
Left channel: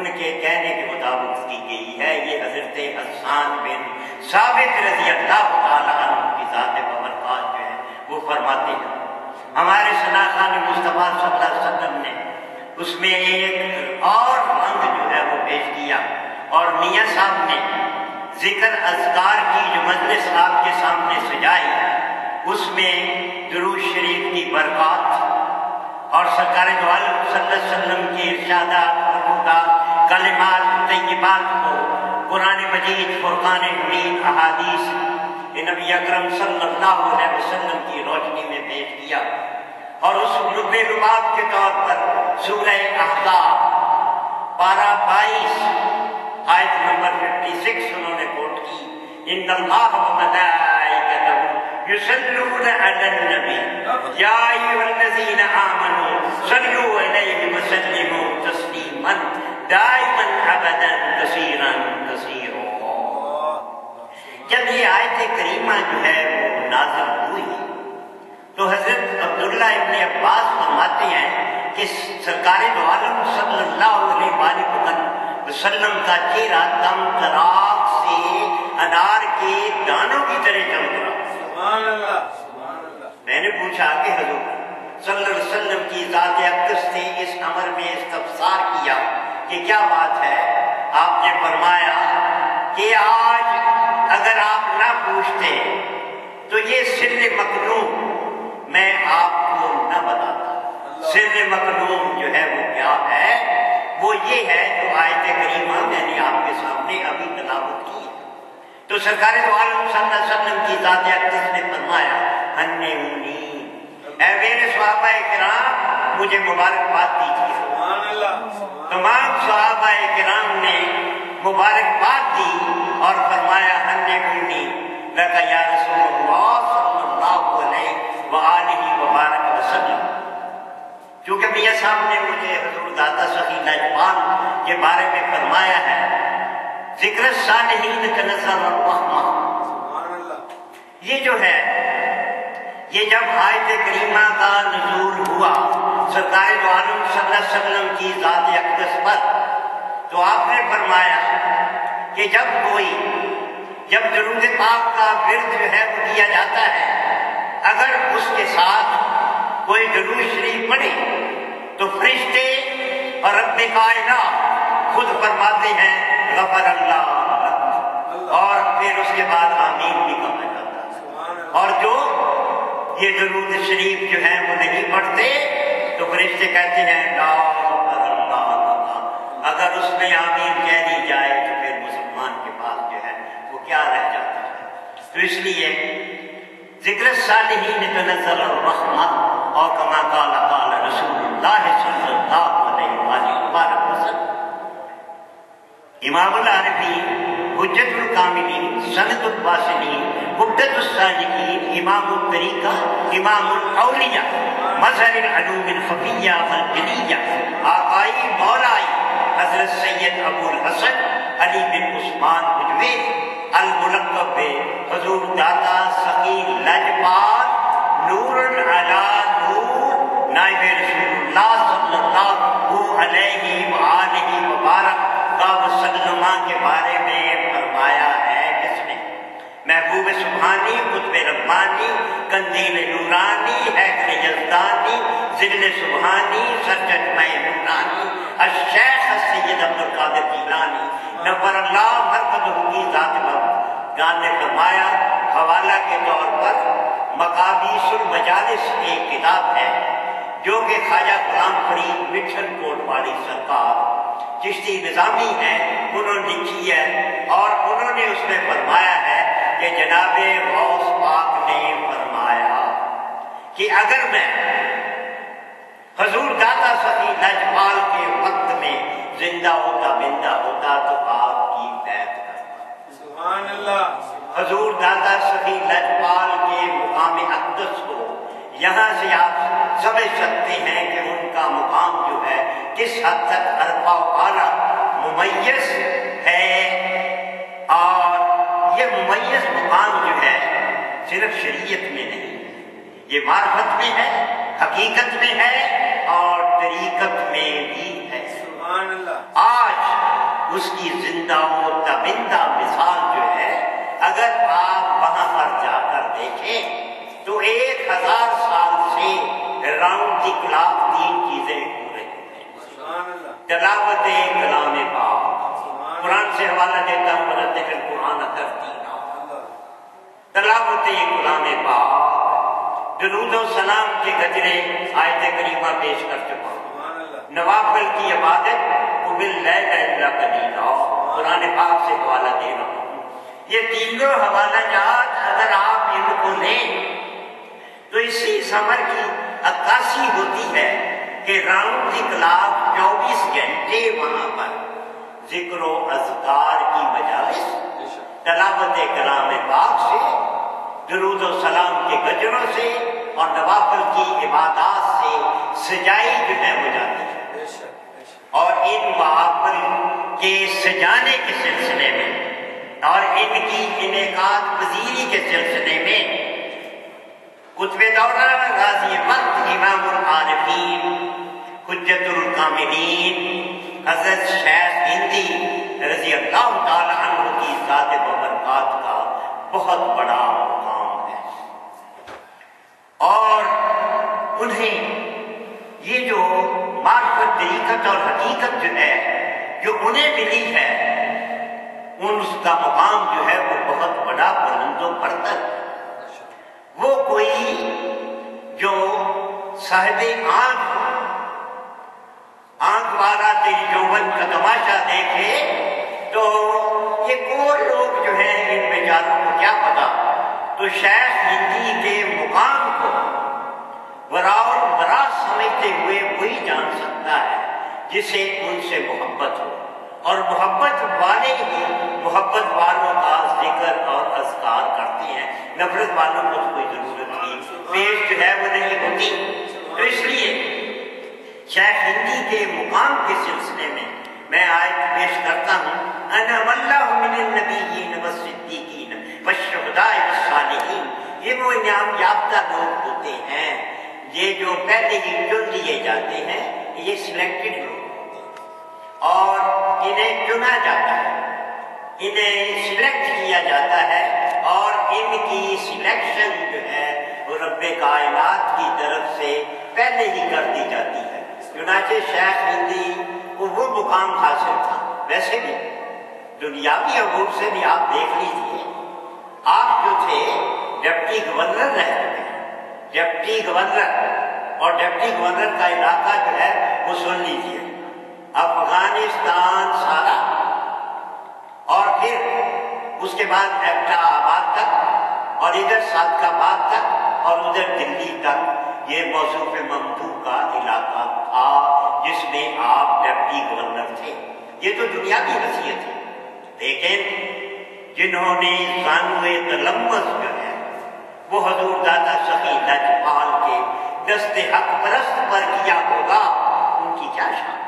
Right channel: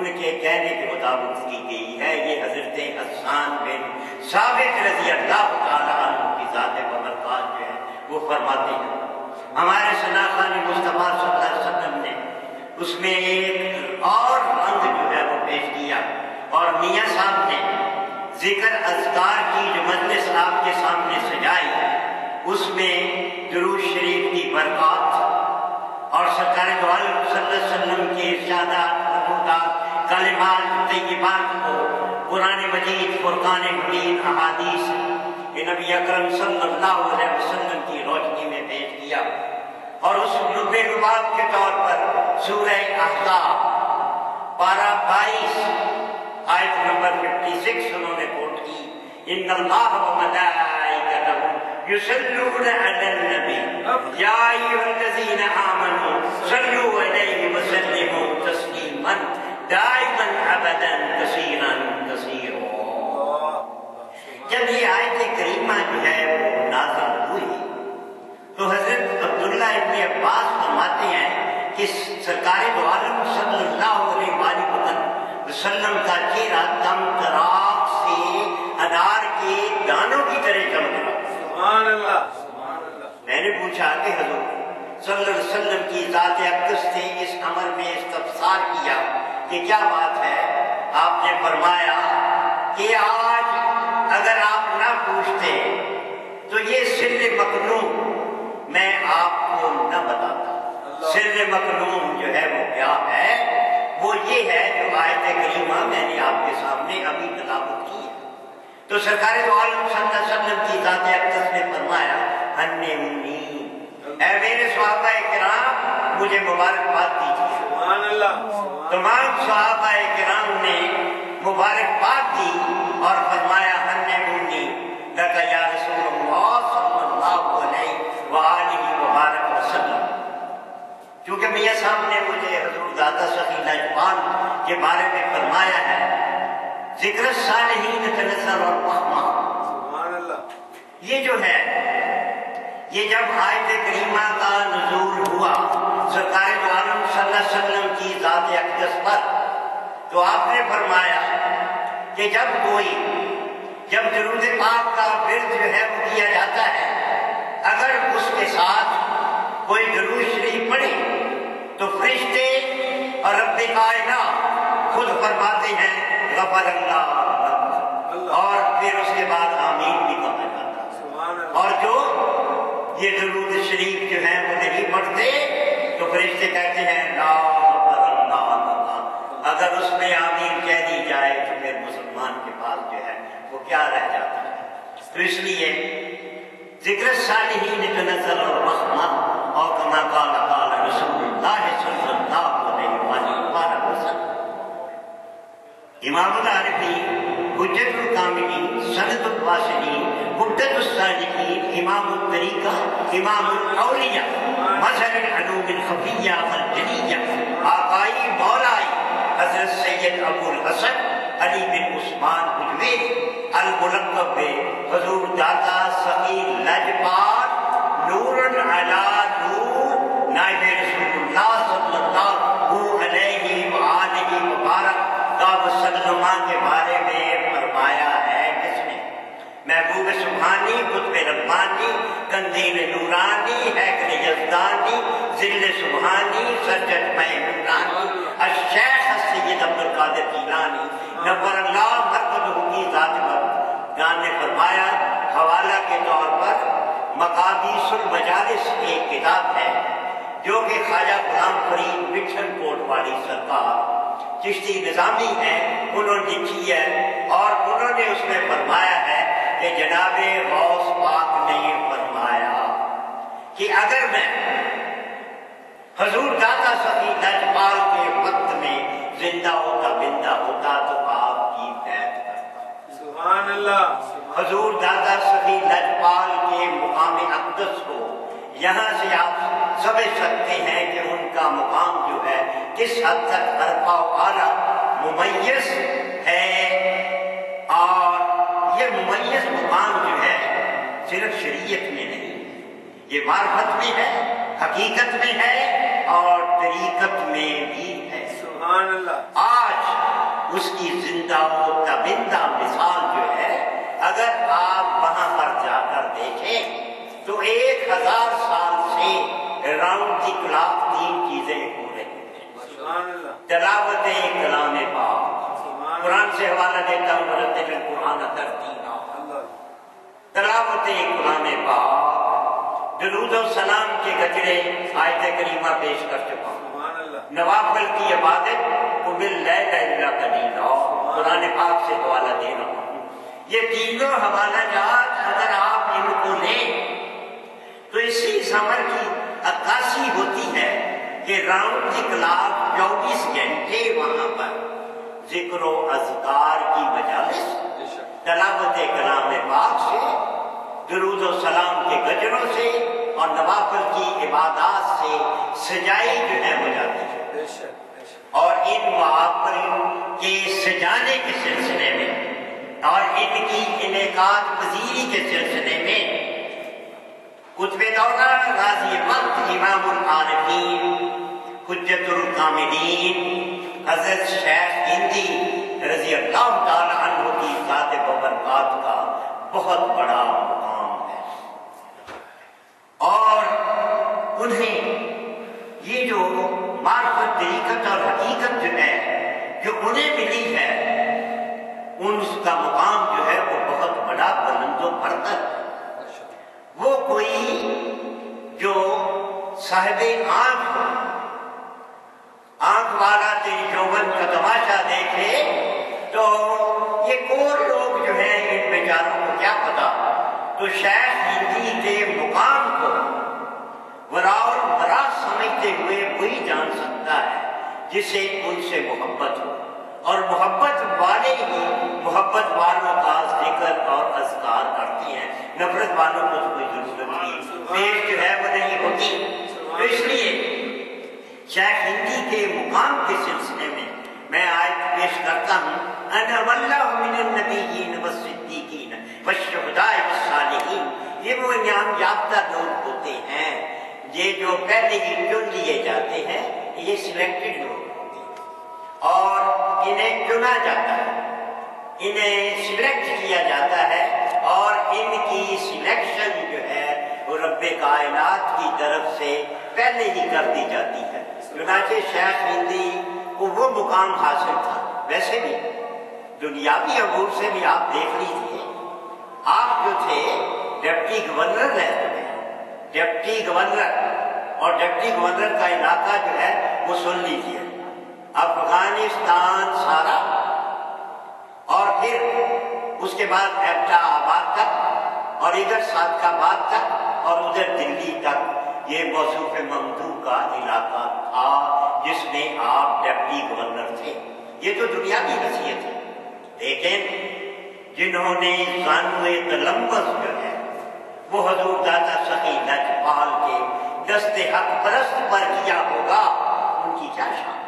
ان کے کہنے کے مطابق کی گئی ہے۔ یہ حضرت حسان بن ثابت رضی اللہ تعالیٰ عنہ کی ذات ببرکات جو ہے وہ فرماتے ہیں، ہمارے شناسان مصطفیٰ صلی اللہ علیہ وسلم نے اس میں ایک اور رنگ جو ہے وہ پیش کیا، اور میاں صاحب نے ذکر اذکار کی جو مجلس آپ کے سامنے سجائی اس میں درود شریف کی برکات اور سرکار دو عالم صلی اللہ علیہ وسلم کے ارشادات، فرمودات، کلمات طیبات کو قرآن مجید، فرقان حمید، احادیث کہ نبی اکرم صلی اللہ علیہ وسلم کی روشنی میں پیش کیا، اور اس لب لباب کے طور پر سورہ احزاب پارہ 22 آیت نمبر 56 انہوں نے کوٹ کی، ان اللہ و ملائکتہ یصلون علی النبی یا ایھا الذین آمنوا صلوا علیہ وسلموا تسلیما دائما ابدا کثیرا کثیرا۔ جب یہ آیت کریمہ جو ہے وہ نازل ہوئی تو حضرت عبداللہ ابن عباس فرماتے ہیں کہ سرکار دو عالم صلی اللہ علیہ وسلم کا چہرہ دم چراغ سے انار کے دانوں کی طرح چمک رہا۔ سبحان اللہ۔ میں نے پوچھا کہ حضور صلی اللہ علیہ وسلم کی ذات اقدس سے اس امر میں استفسار کیا کہ کیا بات ہے؟ آپ نے فرمایا کہ آج اگر آپ نہ پوچھتے تو یہ سر مکنون میں آپ کو نہ بتاتا۔ سر مکنون جو ہے وہ کیا ہے؟ وہ یہ ہے جو آیت کریمہ میں نے آپ کے سامنے ابھی تلاوت کی ہے۔ تو سرکار دو عالم صلی اللہ علیہ وسلم کی ذات اقدس نے فرمایا ہنے منی، اے میرے صحابہ کرام مجھے مبارکباد دیجیے۔ سبحان اللہ۔ تمام صحابہ کرام نے مبارکباد دی اور فرمایا ہنے منی لکا یا رسول اللہ صلی اللہ علیہ وآلہ وبارک وسلم۔ چونکہ میاں صاحب نے مجھے حضور داتا سخی لجپال کے بارے میں فرمایا ہے ذکر الصالحین کنزل الرحمہ۔ سبحان اللہ۔ یہ جو ہے یہ جب آیت کریمہ کا نزول ہوا سرکار دو عالم صلی اللہ علیہ وسلم کی ذات اقدس پر، تو آپ نے فرمایا کہ جب درود پاک کا ورد جو ہے وہ کیا جاتا ہے، اگر اس کے ساتھ کوئی درود شریف پڑھے تو فرشتے اور رب کائنات خود فرماتے ہیں غفر اللہ، اور پھر اس کے بعد آمین بھی کہا جاتا ہے۔ اور جو یہ درود شریف جو ہے وہ نہیں پڑھتے تو فرشتے کہتے ہیں لا غفر اللہ، اگر اس میں آمین کہہ دی جائے تو پھر مسلمان کے پاس جو ہے وہ کیا رہ جاتا ہے۔ تو اس لیے ذکر الصالحین تنزل الرحمہ، اور کما قال قال رسول اللہ صلی اللہ علیہ وآلہ وسلم۔ امام العربی، حجت الکاملین، سند الواصلین، عبدۃ الصادقین، امام الطریقہ، امام الاولیاء، مظہر العلوم الخفیہ والجلیہ، آقائی مولائی حضرت سید ابو الحسن علی بن عثمان حجویری الملقب حضور داتا سخی لجپال نور علی نور، نائب رسول اللہ صلی اللہ علیہ وآلہ وبارک وسلم کے بارے میں فرمایا ہے کس نے؟ محبوب سبحانی، قطب ربانی، قندیل نورانی، حیدر یزدانی، ذل سبحانی، سرجد میں نورانی، الشیخ السید عبد القادر جیلانی نور اللہ مرقدہ کی ذات گان نے فرمایا، حوالہ کے طور پر مقابیس المجالس ایک کتاب ہے جو کہ خواجہ غلام فرید مٹھن کوٹ والی سرکار چشتی نظامی ہے، انہوں نے لکھی ہے، اور انہوں نے اس میں فرمایا ہے کہ جناب غوث پاک نے فرمایا کہ اگر میں حضور داتا سخی لجپال کے وقت میں زندہ ہوتا بندہ ہوتا تو آپ کی بیعت کرتا۔ سبحان اللہ۔ حضور داتا سخی لجپال کے مقام اقدس کو یہاں سے آپ سمجھ سکتے ہیں کہ ان کا مقام جو ہے کس حد تک عرفہ و اعلیٰ ممیز ہے، اور یہ ممیز مقام جو ہے صرف شریعت میں نہیں، یہ معرفت میں ہے، حقیقت میں ہے، اور طریقت میں بھی ہے۔ سبحان اللہ۔ آج اس کی زندہ و تابندہ مثال جو ہے اگر آپ وہاں پر جا کر دیکھیں تو 1000 سال سے راؤنڈ دی کلاک 3 چیزیں ہو رہی ہیں۔ تلاوت کلام پاک، قرآن سے حوالہ دیتا ہوں مرتب القرآن ترتیلا، تلاوت کلام پاک، درود و سلام کے گجرے آیت کریمہ پیش کر چکا ہوں، نوافل کی عبادت قبل لیل الا قلیلا، قرآن پاک سے حوالہ دے رہا ہوں۔ یہ تینوں حوالہ جات اگر آپ ان کو لیں تو اسی سمر کی عکاسی ہوتی ہے کہ راؤنڈ دی کلاک 24 گھنٹے وہاں پر ذکر و اذکار کی مجالس، تلاوت کلام پاک سے، درود و سلام کے گجروں سے اور نوافل کی عبادات سے سجائی جو ہے ہو جاتی ہے۔ اور ان نوافل کے سجانے کے سلسلے میں اور ان کی انعقاد پذیری کے سلسلے میں قطب دورہ غازی وقت امام العارفین حجت الکاملین حضرت شیخ ہندی رضی اللہ تعالی عنہ کی ذات وبرکات کا بہت بڑا مقام ہے، اور انہیں یہ جو معرفت طریقت اور حقیقت جو ہے جو انہیں ملی ہے ان کا مقام جو ہے وہ بہت بڑا بلند و برتر۔ وہ کوئی جو صاحب آنکھ والا تیری جوبن کا تماشا دیکھے تو یہ کوئی لوگ جو ہیں ان بیچاروں کو کیا پتا، تو شیخ ہندی کے مقام کو وراء برا سمجھتے ہوئے وہی جان سکتا ہے جسے ان سے محبت ہو، اور محبت والے ہی محبت والوں کا ذکر اور اذکار کرتے ہیں، نفرت والوں کو کوئی ضرورت نہیں، پیش جو ہے وہ نہیں ہوتی۔ تو اس لیے شیخ ہندی کے مقام کے سلسلے میں میں آیت پیش کرتا ہوں، انا واللہ من النبیین والصدیقین والشہداء والصالحین، یہ وہ انعام یافتہ لوگ ہوتے ہیں یہ جو پہلے ہی چن لیے جاتے ہیں، یہ سلیکٹڈ لوگ اور انہیں چنا جاتا ہے، انہیں سلیکٹ کیا جاتا ہے، اور ان کی سلیکشن جو ہے وہ رب کائنات کی طرف سے پہلے ہی کر دی جاتی ہے۔ چنانچہ شیخ ہندی کو وہ مقام حاصل تھا۔ ویسے بھی دنیاوی امور سے بھی آپ دیکھ لیجیے، آپ جو تھے ڈپٹی گورنر رہ چکے ہیں، ڈپٹی گورنر، اور ڈپٹی گورنر کا علاقہ جو ہے وہ سن لیجیے، افغانستان سارا، اور پھر اس کے بعد ایبٹا آباد تک، اور ادھر صادق آباد تک، اور ادھر دلی تک، یہ موصوف ممدوح کا علاقہ تھا جس میں آپ ڈپٹی گورنر تھے۔ یہ تو دنیاوی حیثیت ہے، لیکن جنہوں نے زانوِ تلمس جو ہے وہ حضور داتا سخی لجپال کے دست حق پرست پر کیا ہوگا، ان کی کیا شان۔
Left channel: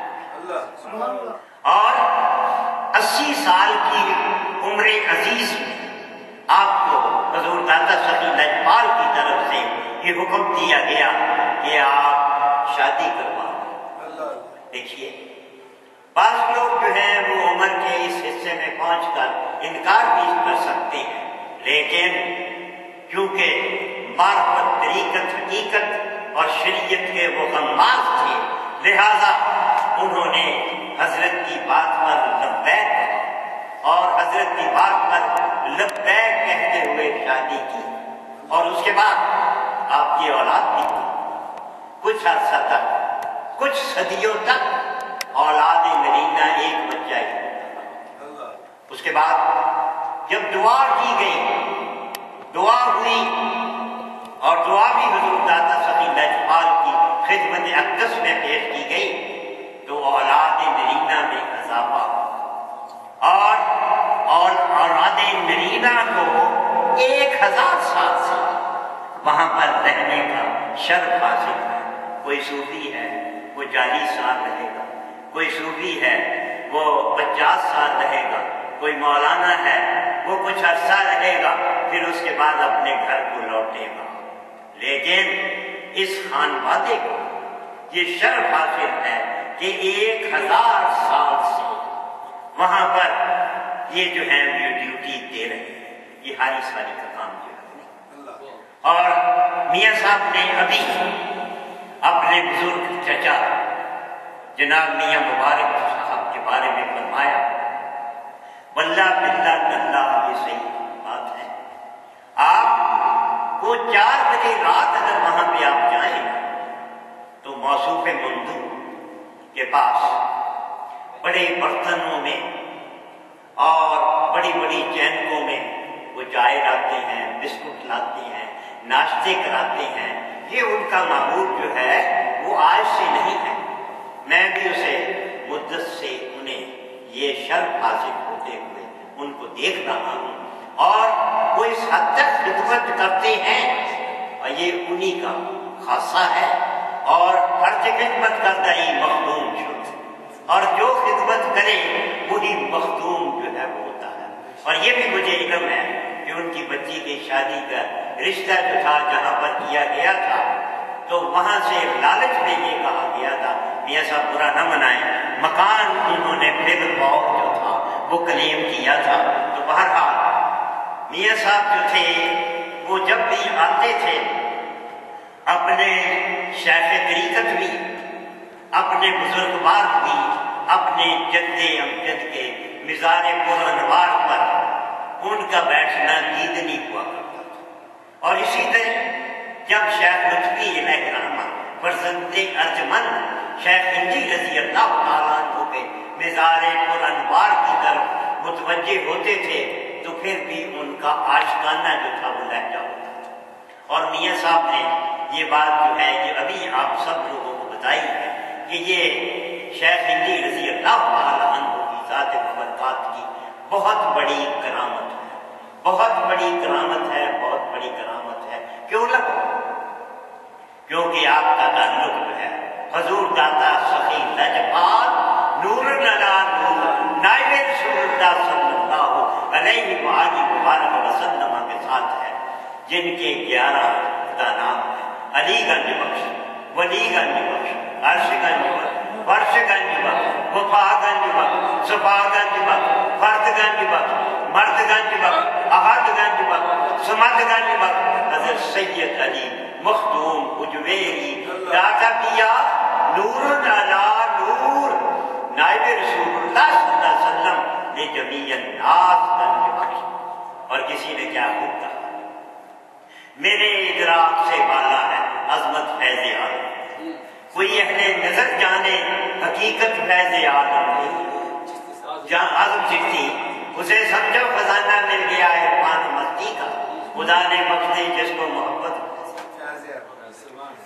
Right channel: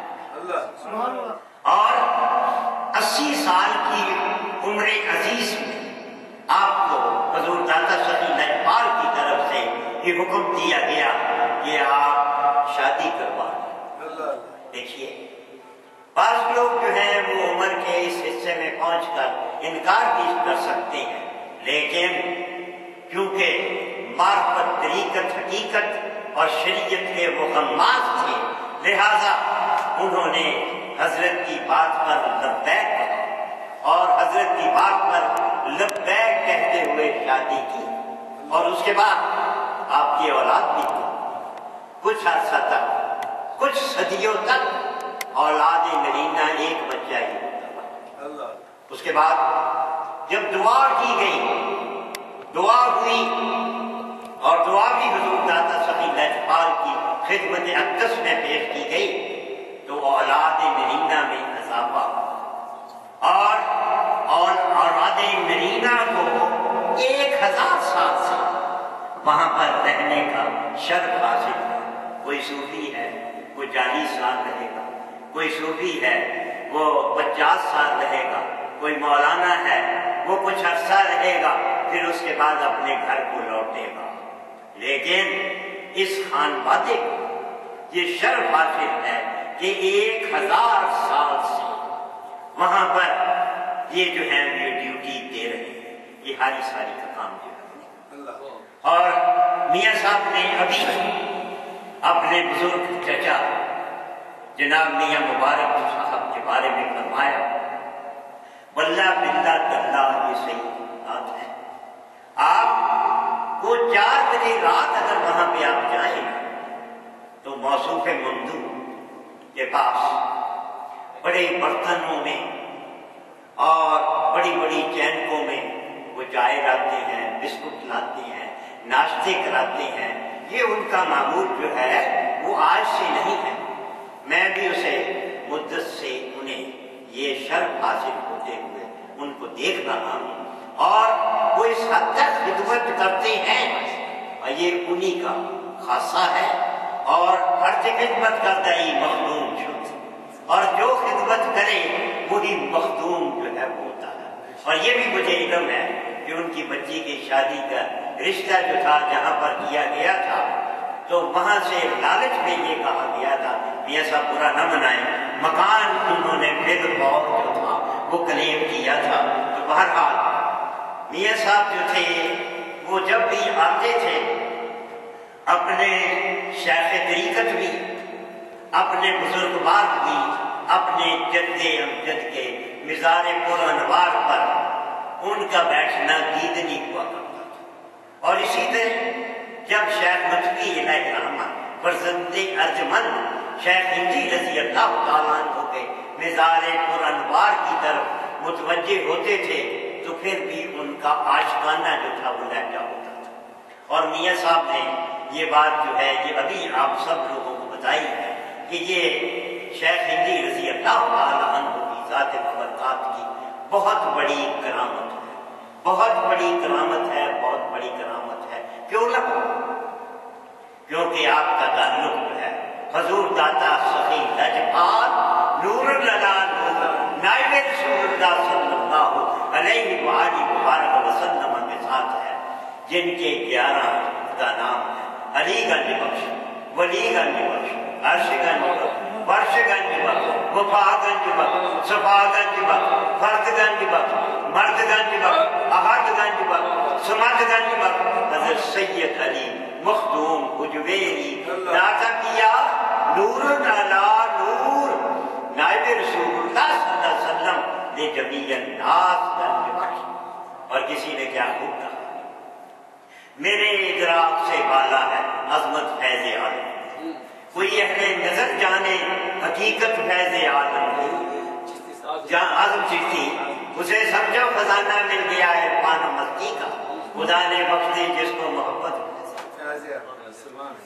اور 80 سال کی عمر عزیز میں آپ کو حضور داتا سخی لجپال کی طرف سے یہ حکم دیا گیا کہ آپ شادی کروا لیں۔ دیکھیے بعض لوگ جو ہیں وہ عمر کے اس حصے میں پہنچ کر انکار بھی کر سکتے ہیں، لیکن کیونکہ معرفت طریقت حقیقت اور شریعت کے وہ غماز تھے، لہذا انہوں نے حضرت کی بات پر لبیک کہا، اور حضرت کی بات پر لبیک کہتے ہوئے شادی کی، اور اس کے بعد آپ کی اولاد بھی تھی۔ کچھ عرصہ تک، کچھ صدیوں تک اولاد نرینہ ایک بچہ ہی ہوتا تھا۔ اس کے بعد جب دعا کی گئی، دعا ہوئی، اور دعا بھی حضور داتا سخی لجپال کی خدمت اقدس میں پیش کی گئی، تو اولاد نرینہ میں اضافہ، اور اولاد نرینہ کو 1000 سال سے وہاں پر رہنے کا شرف حاصل ہے۔ کوئی صوفی ہے وہ 40 سال رہے گا، کوئی صوفی ہے وہ 50 سال رہے گا، کوئی مولانا ہے وہ کچھ عرصہ رہے گا، پھر اس کے بعد اپنے گھر کو لوٹے گا۔ لیکن اس خانوادے کو یہ شرف حاصل ہے کہ 1000 سال سے وہاں پر یہ جو ہے یہ ڈیوٹی دے رہے ہیں، یہ ہاری ساری کا کام جو ہے۔ اور میاں صاحب نے ابھی اپنے بزرگ چچا جناب میاں مبارک صاحب کے بارے میں فرمایا، واللہ باللہ تاللہ یہ صحیح بات ہے، آپ کو 4 بجے رات اگر وہاں پہ آپ جائیں تو موصوف ممدو کے پاس بڑے برتنوں میں اور بڑی بڑی چینکوں میں وہ چائے لاتے ہیں، بسکٹ لاتے ہیں، ناشتے کراتے ہیں۔ یہ ان کا معمول جو ہے وہ آج سے نہیں ہے، میں بھی اسے مدت سے انہیں یہ شرف حاصل ہوتے ہوئے ان کو دیکھ رہا ہوں، اور وہ اس حد تک خدمت کرتے ہیں، اور یہ انہی کا خاصہ ہے۔ اور فرض خدمت کرتا ہی مخدوم شد، اور جو خدمت کرے وہی مخدوم جو ہے وہ ہوتا ہے۔ اور یہ بھی مجھے علم ہے کہ ان کی بچی کی شادی کا رشتہ جو تھا جہاں پر کیا گیا تھا تو وہاں سے لالچ میں یہ کہا گیا تھا، میاں صاحب برا نہ منائیں، مکان انہوں نے بگ باؤ جو تھا وہ کلیم کیا تھا۔ تو بہرحال میاں صاحب جو تھے وہ جب بھی آتے تھے اپنے شیخ طریقت بھی، اپنے بزرگوار بھی، اپنے جد امجد کے مزار پر انوار پر ان کا بیٹھنا دیدنی ہوا کرتا تھا۔ اور اسی طرح جب شیخ لطفی علیہ الرحمہ فرزند ارجمند شیخ ہندی رضی اللہ تعالیٰ عنہ کے مزار پر انوار کی طرف متوجہ ہوتے تھے تو پھر بھی ان کا عاشقانہ جو تھا وہ لہجہ ہوتا تھا۔ اور میاں صاحب نے یہ بات جو ہے یہ ابھی آپ سب لوگوں کو بتائی ہے کہ یہ شیخ ہندی رضی اللہ تعالیٰ عنہ کی ذات مبارکات کی بہت بڑی کرامت ہے، بہت بڑی کرامت ہے، بہت بڑی کرامت ہے۔ کیوں لگا؟ کیونکہ آپ کا تعلق جو ہے حضور داتا سخی لجپال نور للا نور نائب رسول اللہ صلی اللہ علیہ وآلہ مبارک وسلم کے ساتھ ہے، جن کے 11 کا نام ہے علی گنج بخش، ولی گنج بخش، عرش گنج بخش، فرش گنج بخش، وفا گنج بخش، صفا گنج بخش، فرد گنج بخش، مرد گنج بخش، احد گنج بخش، سمد گنج بخش، حضرت سید علی مخدوم حجویری داتا کیا نور علا نور نائب رسول اللہ صلی اللہ علیہ وسلم نے جمیع الناس گنج بخش۔ اور کسی نے کیا خوب کہا، میرے ادراک سے بالا ہے عظمت فیض عالم، کوئی اہل نظر جانے حقیقت فیض عالم نہیں، جہاں عظم چٹھی اسے سمجھو خزانہ مل گیا عرفان و مستی کا، خدا نے بخش دی جس کو محبت،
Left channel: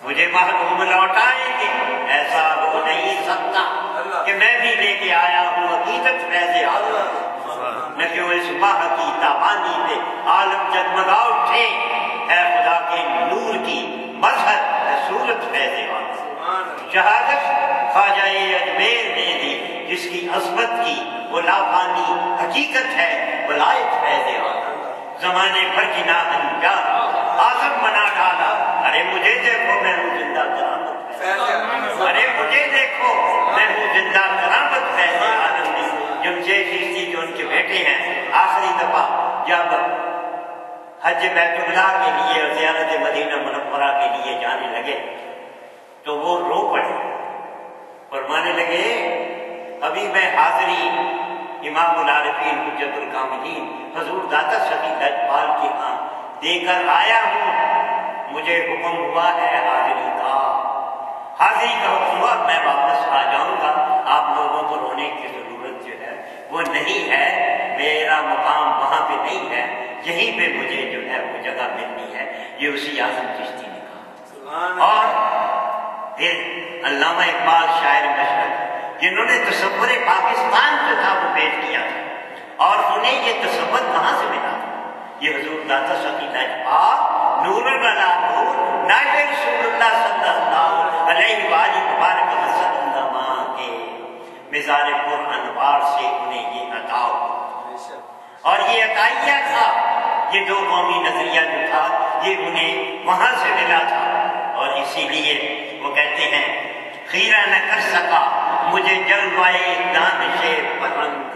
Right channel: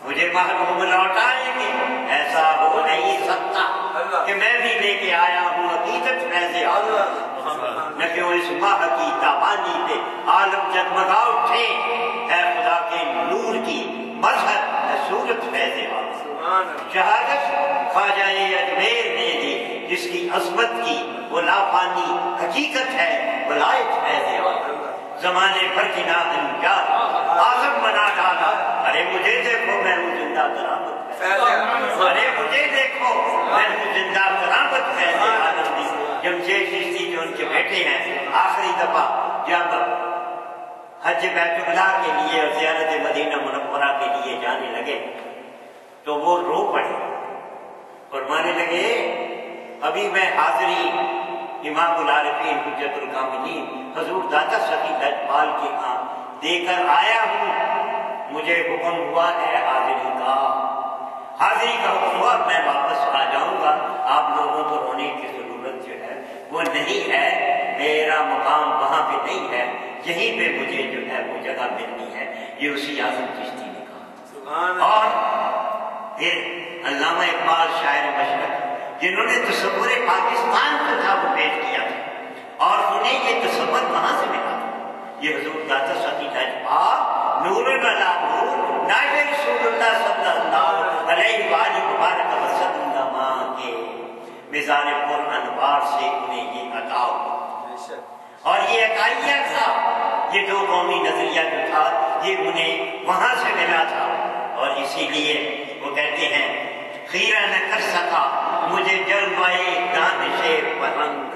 مجھے محروم لوٹائیں گے ایسا ہو نہیں سکتا کہ میں بھی لے کے آیا ہوں حقیقت فیض عالم، نہ کیوں اس ماہ کی تابانی پہ عالم جگمگا اٹھے، اے خدا کے نور کی مظہر رسولت فیض عالم۔ شہادت خواجہ اجمیر نے دی جس کی عظمت کی وہ لافانی حقیقت ہے ولایت فیض عالم، زمانے بھر کی ناہنجار آزم بنا ڈالا، ارے مجھے دیکھو میں ہوں زندہ کرامت فیض، ارے مجھے دیکھو میں ہوں زندہ کرامت فیض عالم دی۔ جمشید چشتی جو ان کے بیٹے ہیں آخری دفعہ جب حج بیت اللہ کے لیے اور زیارت مدینہ منورہ کے لیے جانے لگے تو وہ رو پڑے، فرمانے لگے ابھی میں حاضری امام العارفین حجت الکاملین حضور داتا سخی لجپال کے ہاں دے کر آیا ہوں، مجھے حکم ہوا ہے حاضری کا حکم ہوا، میں واپس آ جاؤں گا، آپ لوگوں کو رونے کی ضرورت جو ہے وہ نہیں ہے، میرا مقام وہاں پہ نہیں ہے، یہیں پہ مجھے جو ہے وہ جگہ ملنی ہے۔ یہ اسی اعظم چشتی نے کہا۔ اور پھر علامہ اقبال شاعر مشرق جنہوں نے تصور پاکستان جو تھا وہ پیش کیا تھا، اور انہیں یہ تصور کہاں سے ملا؟ یہ حضور داتا سخی لجپال نور علا نور نائب رسول اللہ صلی اللہ علیہ وآلہ مبارک وسلم کے مزار پر انوار سے انہیں یہ عطا ہوا، اور یہ عطائیہ تھا، یہ دو قومی نظریہ جو تھا یہ انہیں وہاں سے ملا تھا۔ اور اسی لیے وہ کہتے ہیں خیرہ نہ کر سکا مجھے جلوائے دانش پرنگ،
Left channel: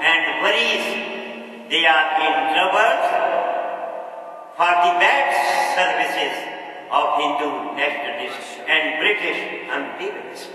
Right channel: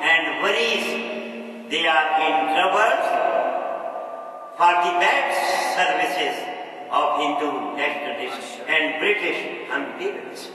and worries. They are in trouble for the bad services of Hindu nationalists and British imperialists.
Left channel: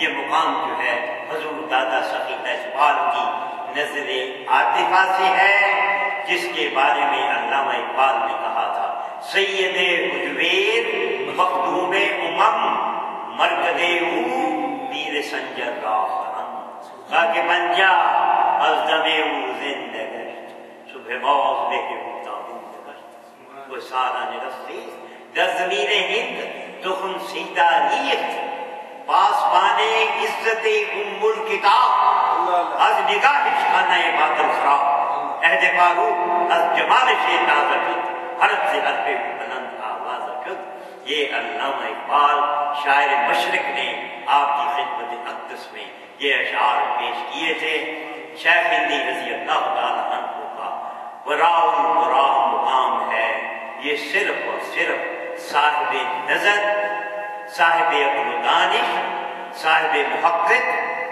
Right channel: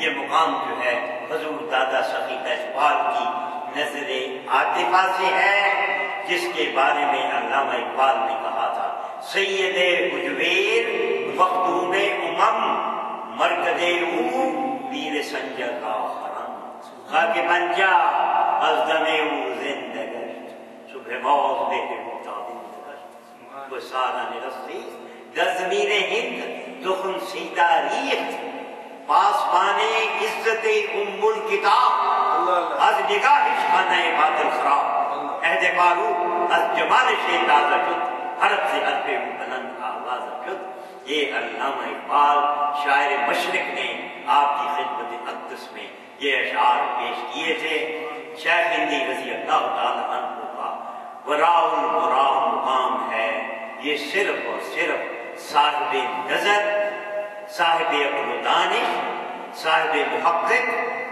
یہ مقام جو ہے حضور دادا سخی اقبال کی نظر عاطفہ سے ہے، جس کے بارے میں علامہ اقبال نے کہا تھا سید حجویر مخدوم مرکز او پیر سنجر را خرم خاک پنجا از دم او زنده گشت صبح باز به متابند گشت وہ سارا نرستی در زمین ہند تخم سیدہ ریخت پاسبان عزت ام الکتاب از نگاہش خانہ باطل خراب عہد فاروق از جمالش تازہ شد حرف سے حرف بلند آواز شد۔ یہ علامہ اقبال شاعر مشرق نے آپ کی خدمت اقدس میں یہ اشعار پیش کیے تھے۔ شیخ ہندی رضی اللہ تعالیٰ عنہ کا وراء البراء مقام ہے، یہ صرف اور صرف صاحب نظر، صاحب عقل و دانش، صاحب محقق،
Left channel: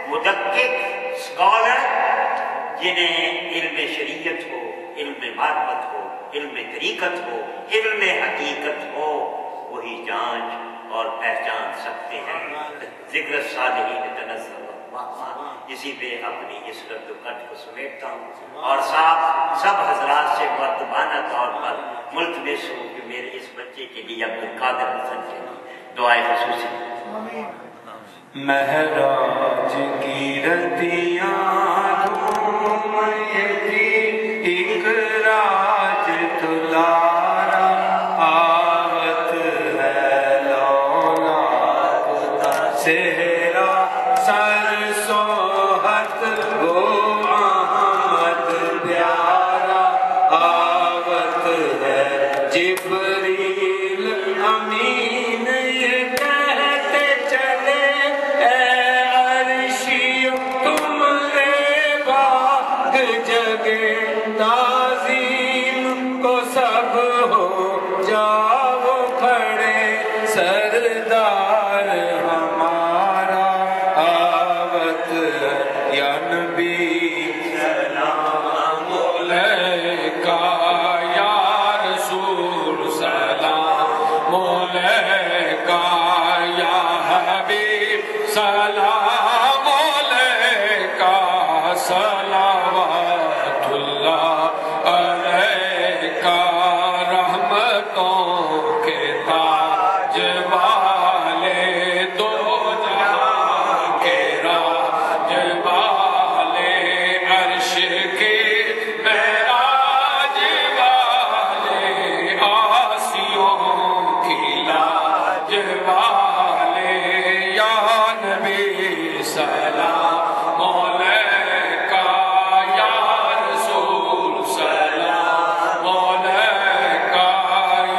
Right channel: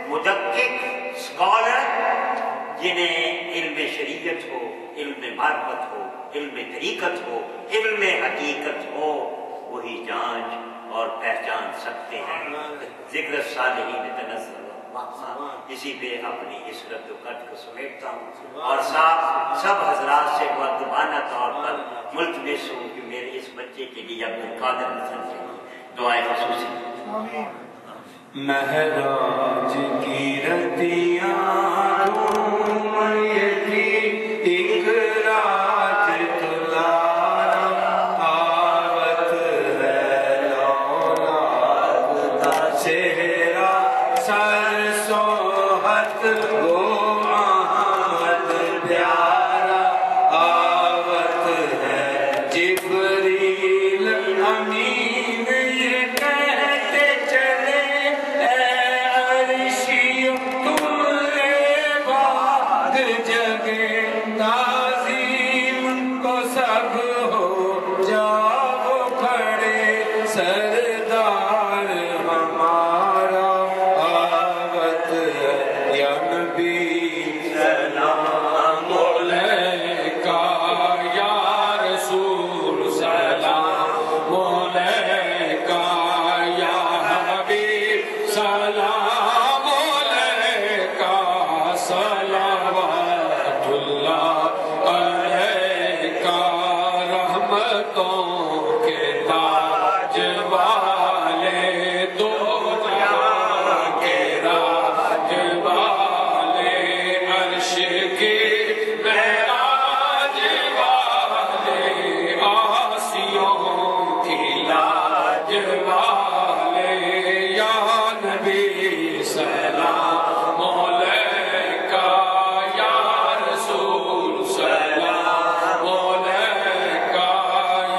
مدقق، اسکالر، جنہیں علم شریعت ہو، علم معرفت ہو، علم طریقت ہو، علم حقیقت ہو، وہی جانچ اور پہچان سکتے ہیں۔ ذکر الصالحین تنزل اللہ، اسی پہ اپنی اس رد و کٹ کو سمیٹتا ہوں اور سب حضرات سے مؤدبانہ طور پر ملتمس ہوں کہ میرے اس بچے کے لیے عبدالقادر حسن کے دعائیں خصوصی۔ مہراج کی رتیاں گھومتی ایک راج تلارا آوت ہے لولاد کا چہرہ سر سوہت وہ احمد پیارا آوت ہے جبریل امین یہ کہتے چلے اے عرشی تمہارے باغ جگے تعظیم کو سب ہو جاؤ کھڑے سردار ہمارا آوت ہے یا نبی سلام علیکہ یا رسول سلام علیکہ یا حبیب سلام علیکہ صلوات اللہ علیکہ رحمتوں کے تاج والے دو جہاں کے راج والے عرش کے معراج والے آسیوں کی لاج والے یا نبی سلام علیکہ یا رسول سلام علیکہ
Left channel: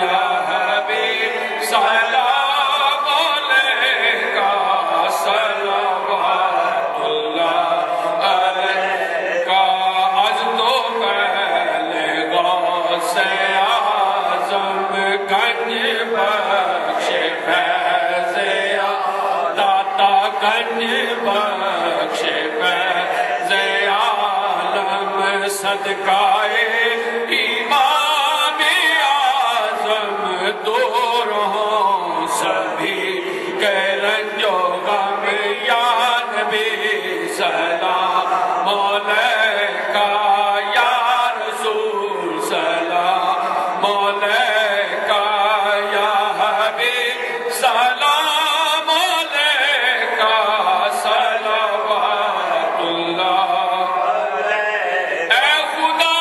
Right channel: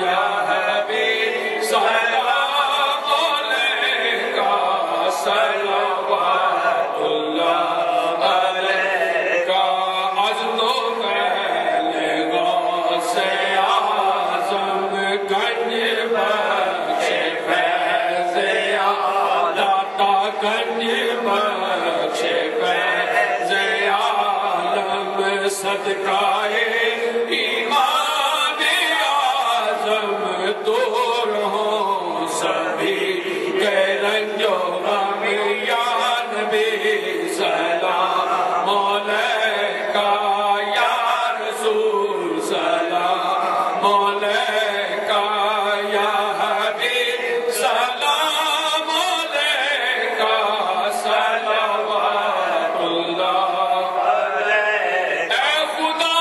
یا حبیب سلام علیکہ صلوات اللہ علیکہ از تو پہلے غوث اعظم گنج بخش فیض داتا گنج بخش فیض عالم صدقہ امام اعظم دور ہوں سبھی کے رنج و غم یا نبی سلام علیکہ یا رسول سلام علیکہ یا حبیب سلام علیکہ صلوات اللہ اے خدا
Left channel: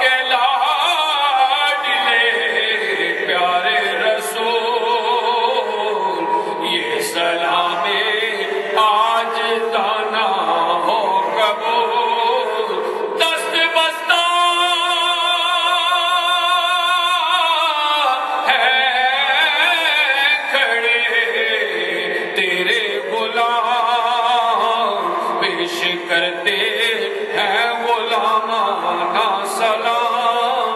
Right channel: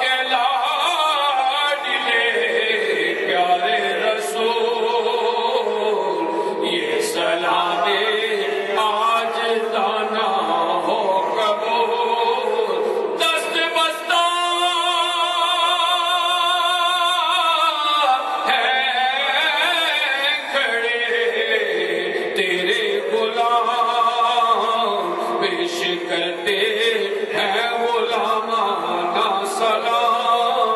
کے لاڈلے پیارے رسول یہ سلام آج دانا ہو قبول دست بستہ ہے کھڑے تیرے غلام پیش کرتے ہیں غلامانہ سلام۔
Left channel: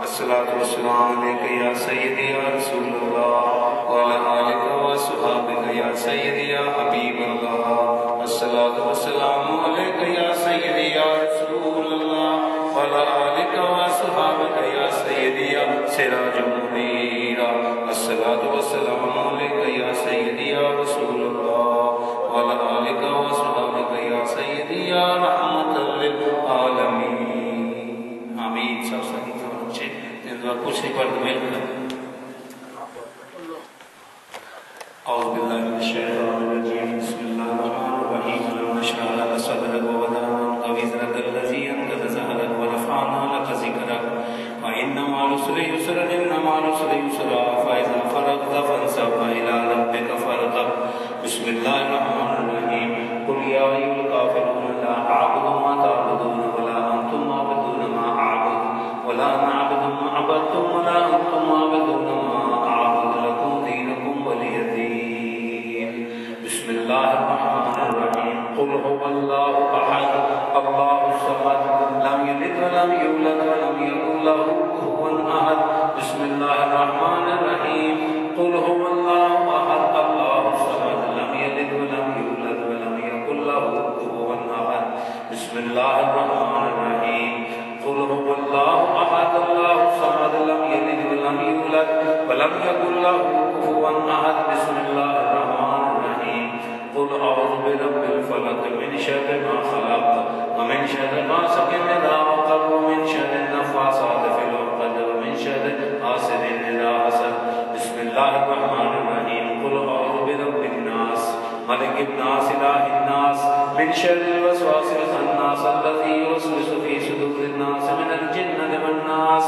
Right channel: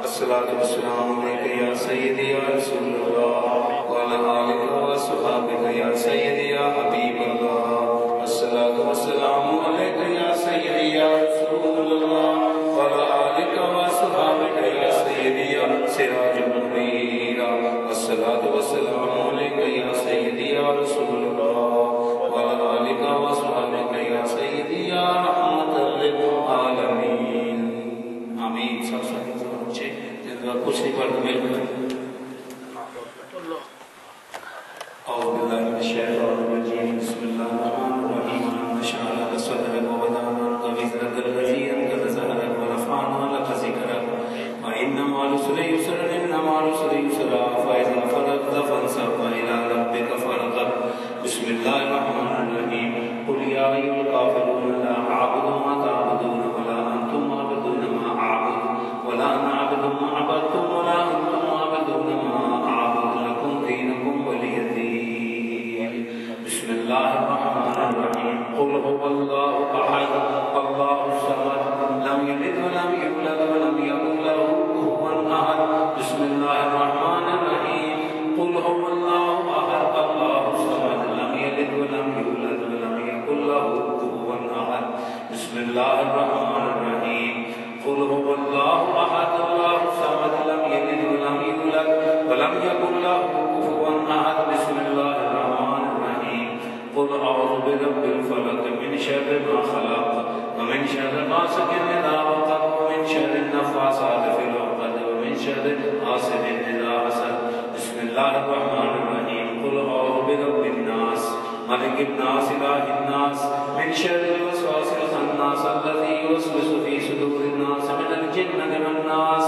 الصلاة والسلام علیکہ یا سیدی یا رسول اللہ وعلی آلہ وصحبہ یا سیدی یا حبیب اللہ۔ الصلاة والسلام علیکہ یا سیدی یا رسول اللہ وعلی آلہ وصحبہ یا سیدی یا سراج منیر۔ الصلاة والسلام علیکہ یا سیدی یا بالله من الشيطان الرجيم بسم الله الرحمن الرحيم اللهم اشرح لك صدرك ووضعنا عنك وزرك الذي انقض ظهرك ورفعنا لك ذكرك وإن مع العسر يسرا إن مع العسر يسرا فإذا فرغت فانصب وإلى ربك فارغب بسم الله الرحمن الرحيم قل يا أيها الكافرون لا أعبد ما تعبدون ولا أنتم عابدون ما أعبد ولا أنا عابد ما عبدتم ولا أنتم عابدون ما أعبد لكم دينكم ولي دين بسم الله الرحمن الرحيم قل هو الله أحد الله الصمد لم يلد ولم يولد ولم يكن له كفوا أحد بسم الله الرحمن الرحيم قل هو الله أحد الله الصمد لم يلد ولم يولد ولم يكن له كفوا أحد بسم الله الرحمن الرحيم قل هو الله أحد الله الصمد لم يلد ولم يولد ولم يكن له كفوا أحد بسم الله الرحمن الرحيم قل أعوذ برب الفلق من شر ما خلق ومن شر غاسق إذا وقب ومن شر النفاثات في العقد ومن شر حاسد إذا حسد بسم الله الرحمن الرحيم قل أعوذ برب الناس ملك الناس إله الناس من شر الوسواس الخناس الذي يوسوس في صدور الناس من الجنة والناس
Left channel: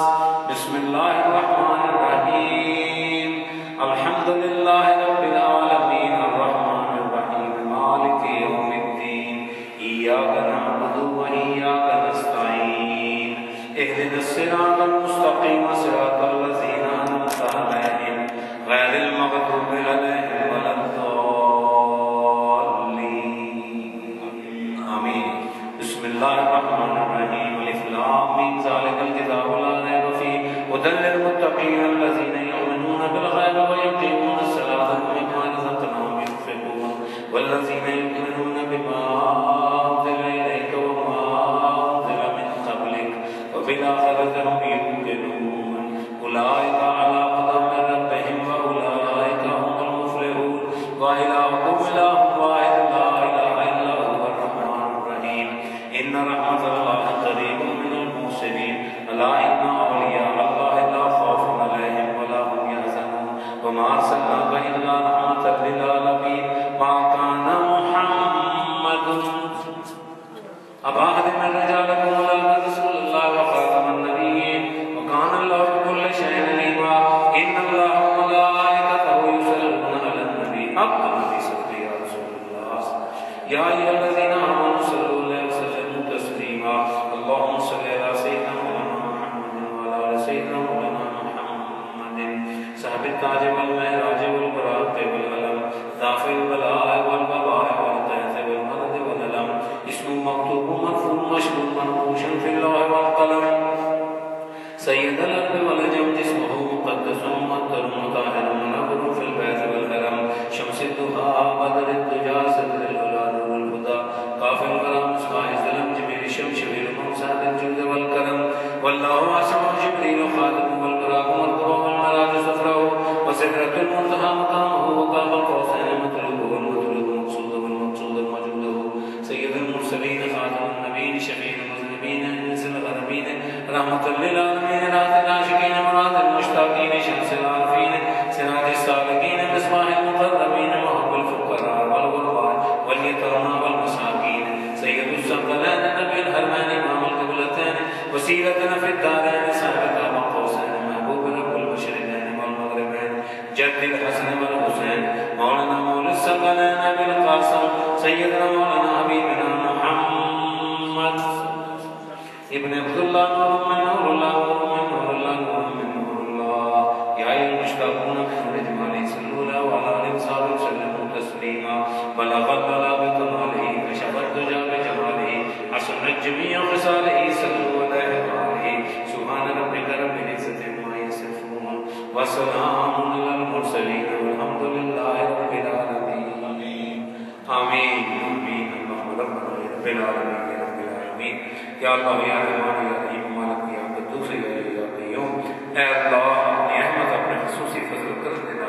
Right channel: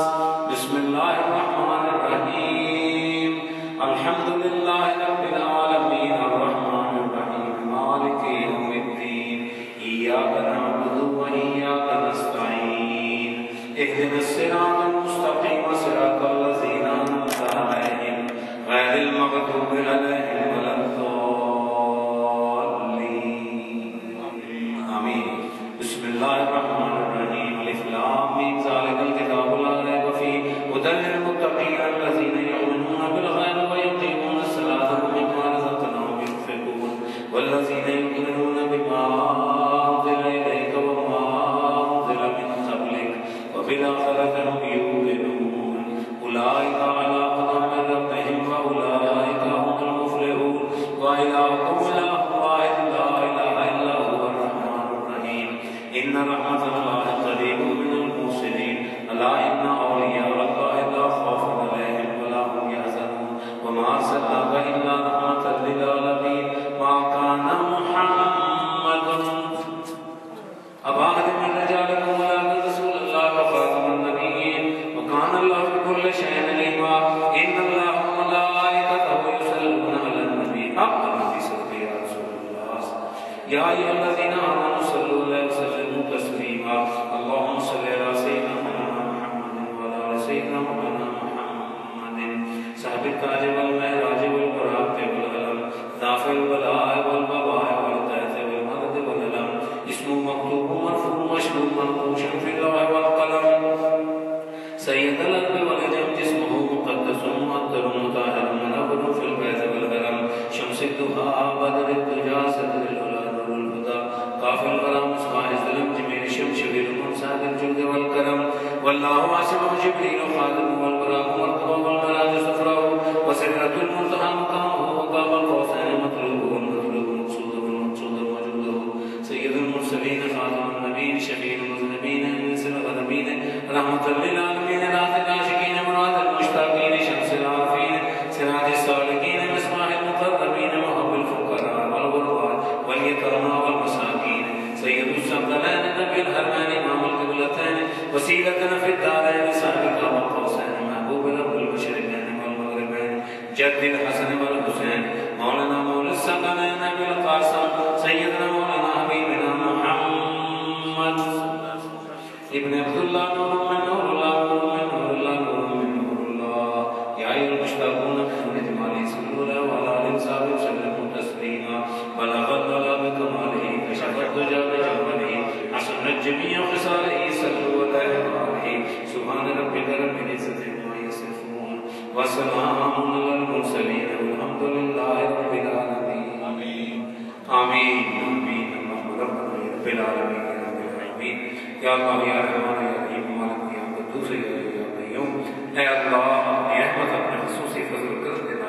بسم الله الرحمن الرحيم الحمد لله رب العالمين الرحمن الرحيم مالك يوم الدين إياك نعبد وإياك نستعين اهدنا الصراط المستقيم صراط الذين أنعمت عليهم غير المغضوب عليهم ولا الضالين آمين بسم الله الرحمن الرحيم ألف لام ميم ذلك الكتاب لا ريب فيه هدى للمتقين الذين يؤمنون بالغيب ويقيمون الصلاة ومما رزقناهم ينفقون والذين يؤمنون بما أنزل إليك وما أنزل من قبلك وبالآخرة هم يوقنون أولئك على هدى من ربهم وأولئك هم المفلحون وإلهكم إله واحد لا إله إلا هو الرحمن الرحيم إن رحمة الله قريب من المحسنين ألا إن أولياء الله لا خوف عليهم ولا هم يحزنون وما أرسلناك إلا رحمة للعالمين ما كان محمد أبا أحد من رجالكم ولكن رسول الله وخاتم النبيين وكان الله بكل شيء عليما إن الله وملائكته يصلون على النبي حق النبي صلى يا رسول الله يا أيها الذين آمنوا صلوا عليه وسلموا تسليما اللهم صل على سيدنا محمد وعلى آل سيدنا محمد صاحب التاج والمعراج والبراق والعلم دافع البلاء والبواء والتاج والمرض والألم اسم مكتوب مرفوع مشهور منقوش في اللوح والقلم سيد الأرض والجم جسمه مقدس مطهر مطهر منور في البيت والحرم شمس الضحى بدر الدجى صدر الأولاد والهدى قاف الكلام مصباح الظلم جميل الشمس والممساد الجود والكرم والله عاصم جبريل خادم والبراق والقبى والمراج صفره وسدرة المنتهى مقامه وقاب القوسين مطلوب والمطلوب مقصود والمقصود موجوده سيد المرسلين خاتم النبيين شفيع المذنبين انزل الغربين رحمة للعالمين راز العاشقين مراد المشتاقين شمس العارفين سراج السالكين مصباح المقربين محب الفقراء والغرباء واليتامى والمساكين سيد الثقلين نبي الحرمين امام القبلتين وسيلتنا في الدارين صاحب القوسين محبوب رب المشرقين والمغربين جد الحسن والحسين مولانا مولى الثقلين ابي القاسم سيدنا مولانا حبيبنا محمد ابن عبد الله نور من نور الله نور من نور الله نور من نور الله يا أيها المشتاقون بحمد جماله صلوا له وعلى آله وصحبه وسلموا تسليما بلغ البلاغ بكماله كشف الدجى بجماله حسنت جميع خصاله صلوا عليه وآله سبحان ربك رب العزة عما يصفون وسلام على المرسلين والحمد لله رب العالمين آمين آمين آمين اللهم رب العالمين یا اللہ یا رحمان یا رحیم مالک یا قدوس یا قیوم اے اللہ اپنی رحمت اپنے خصوصی فضل و کرم دینا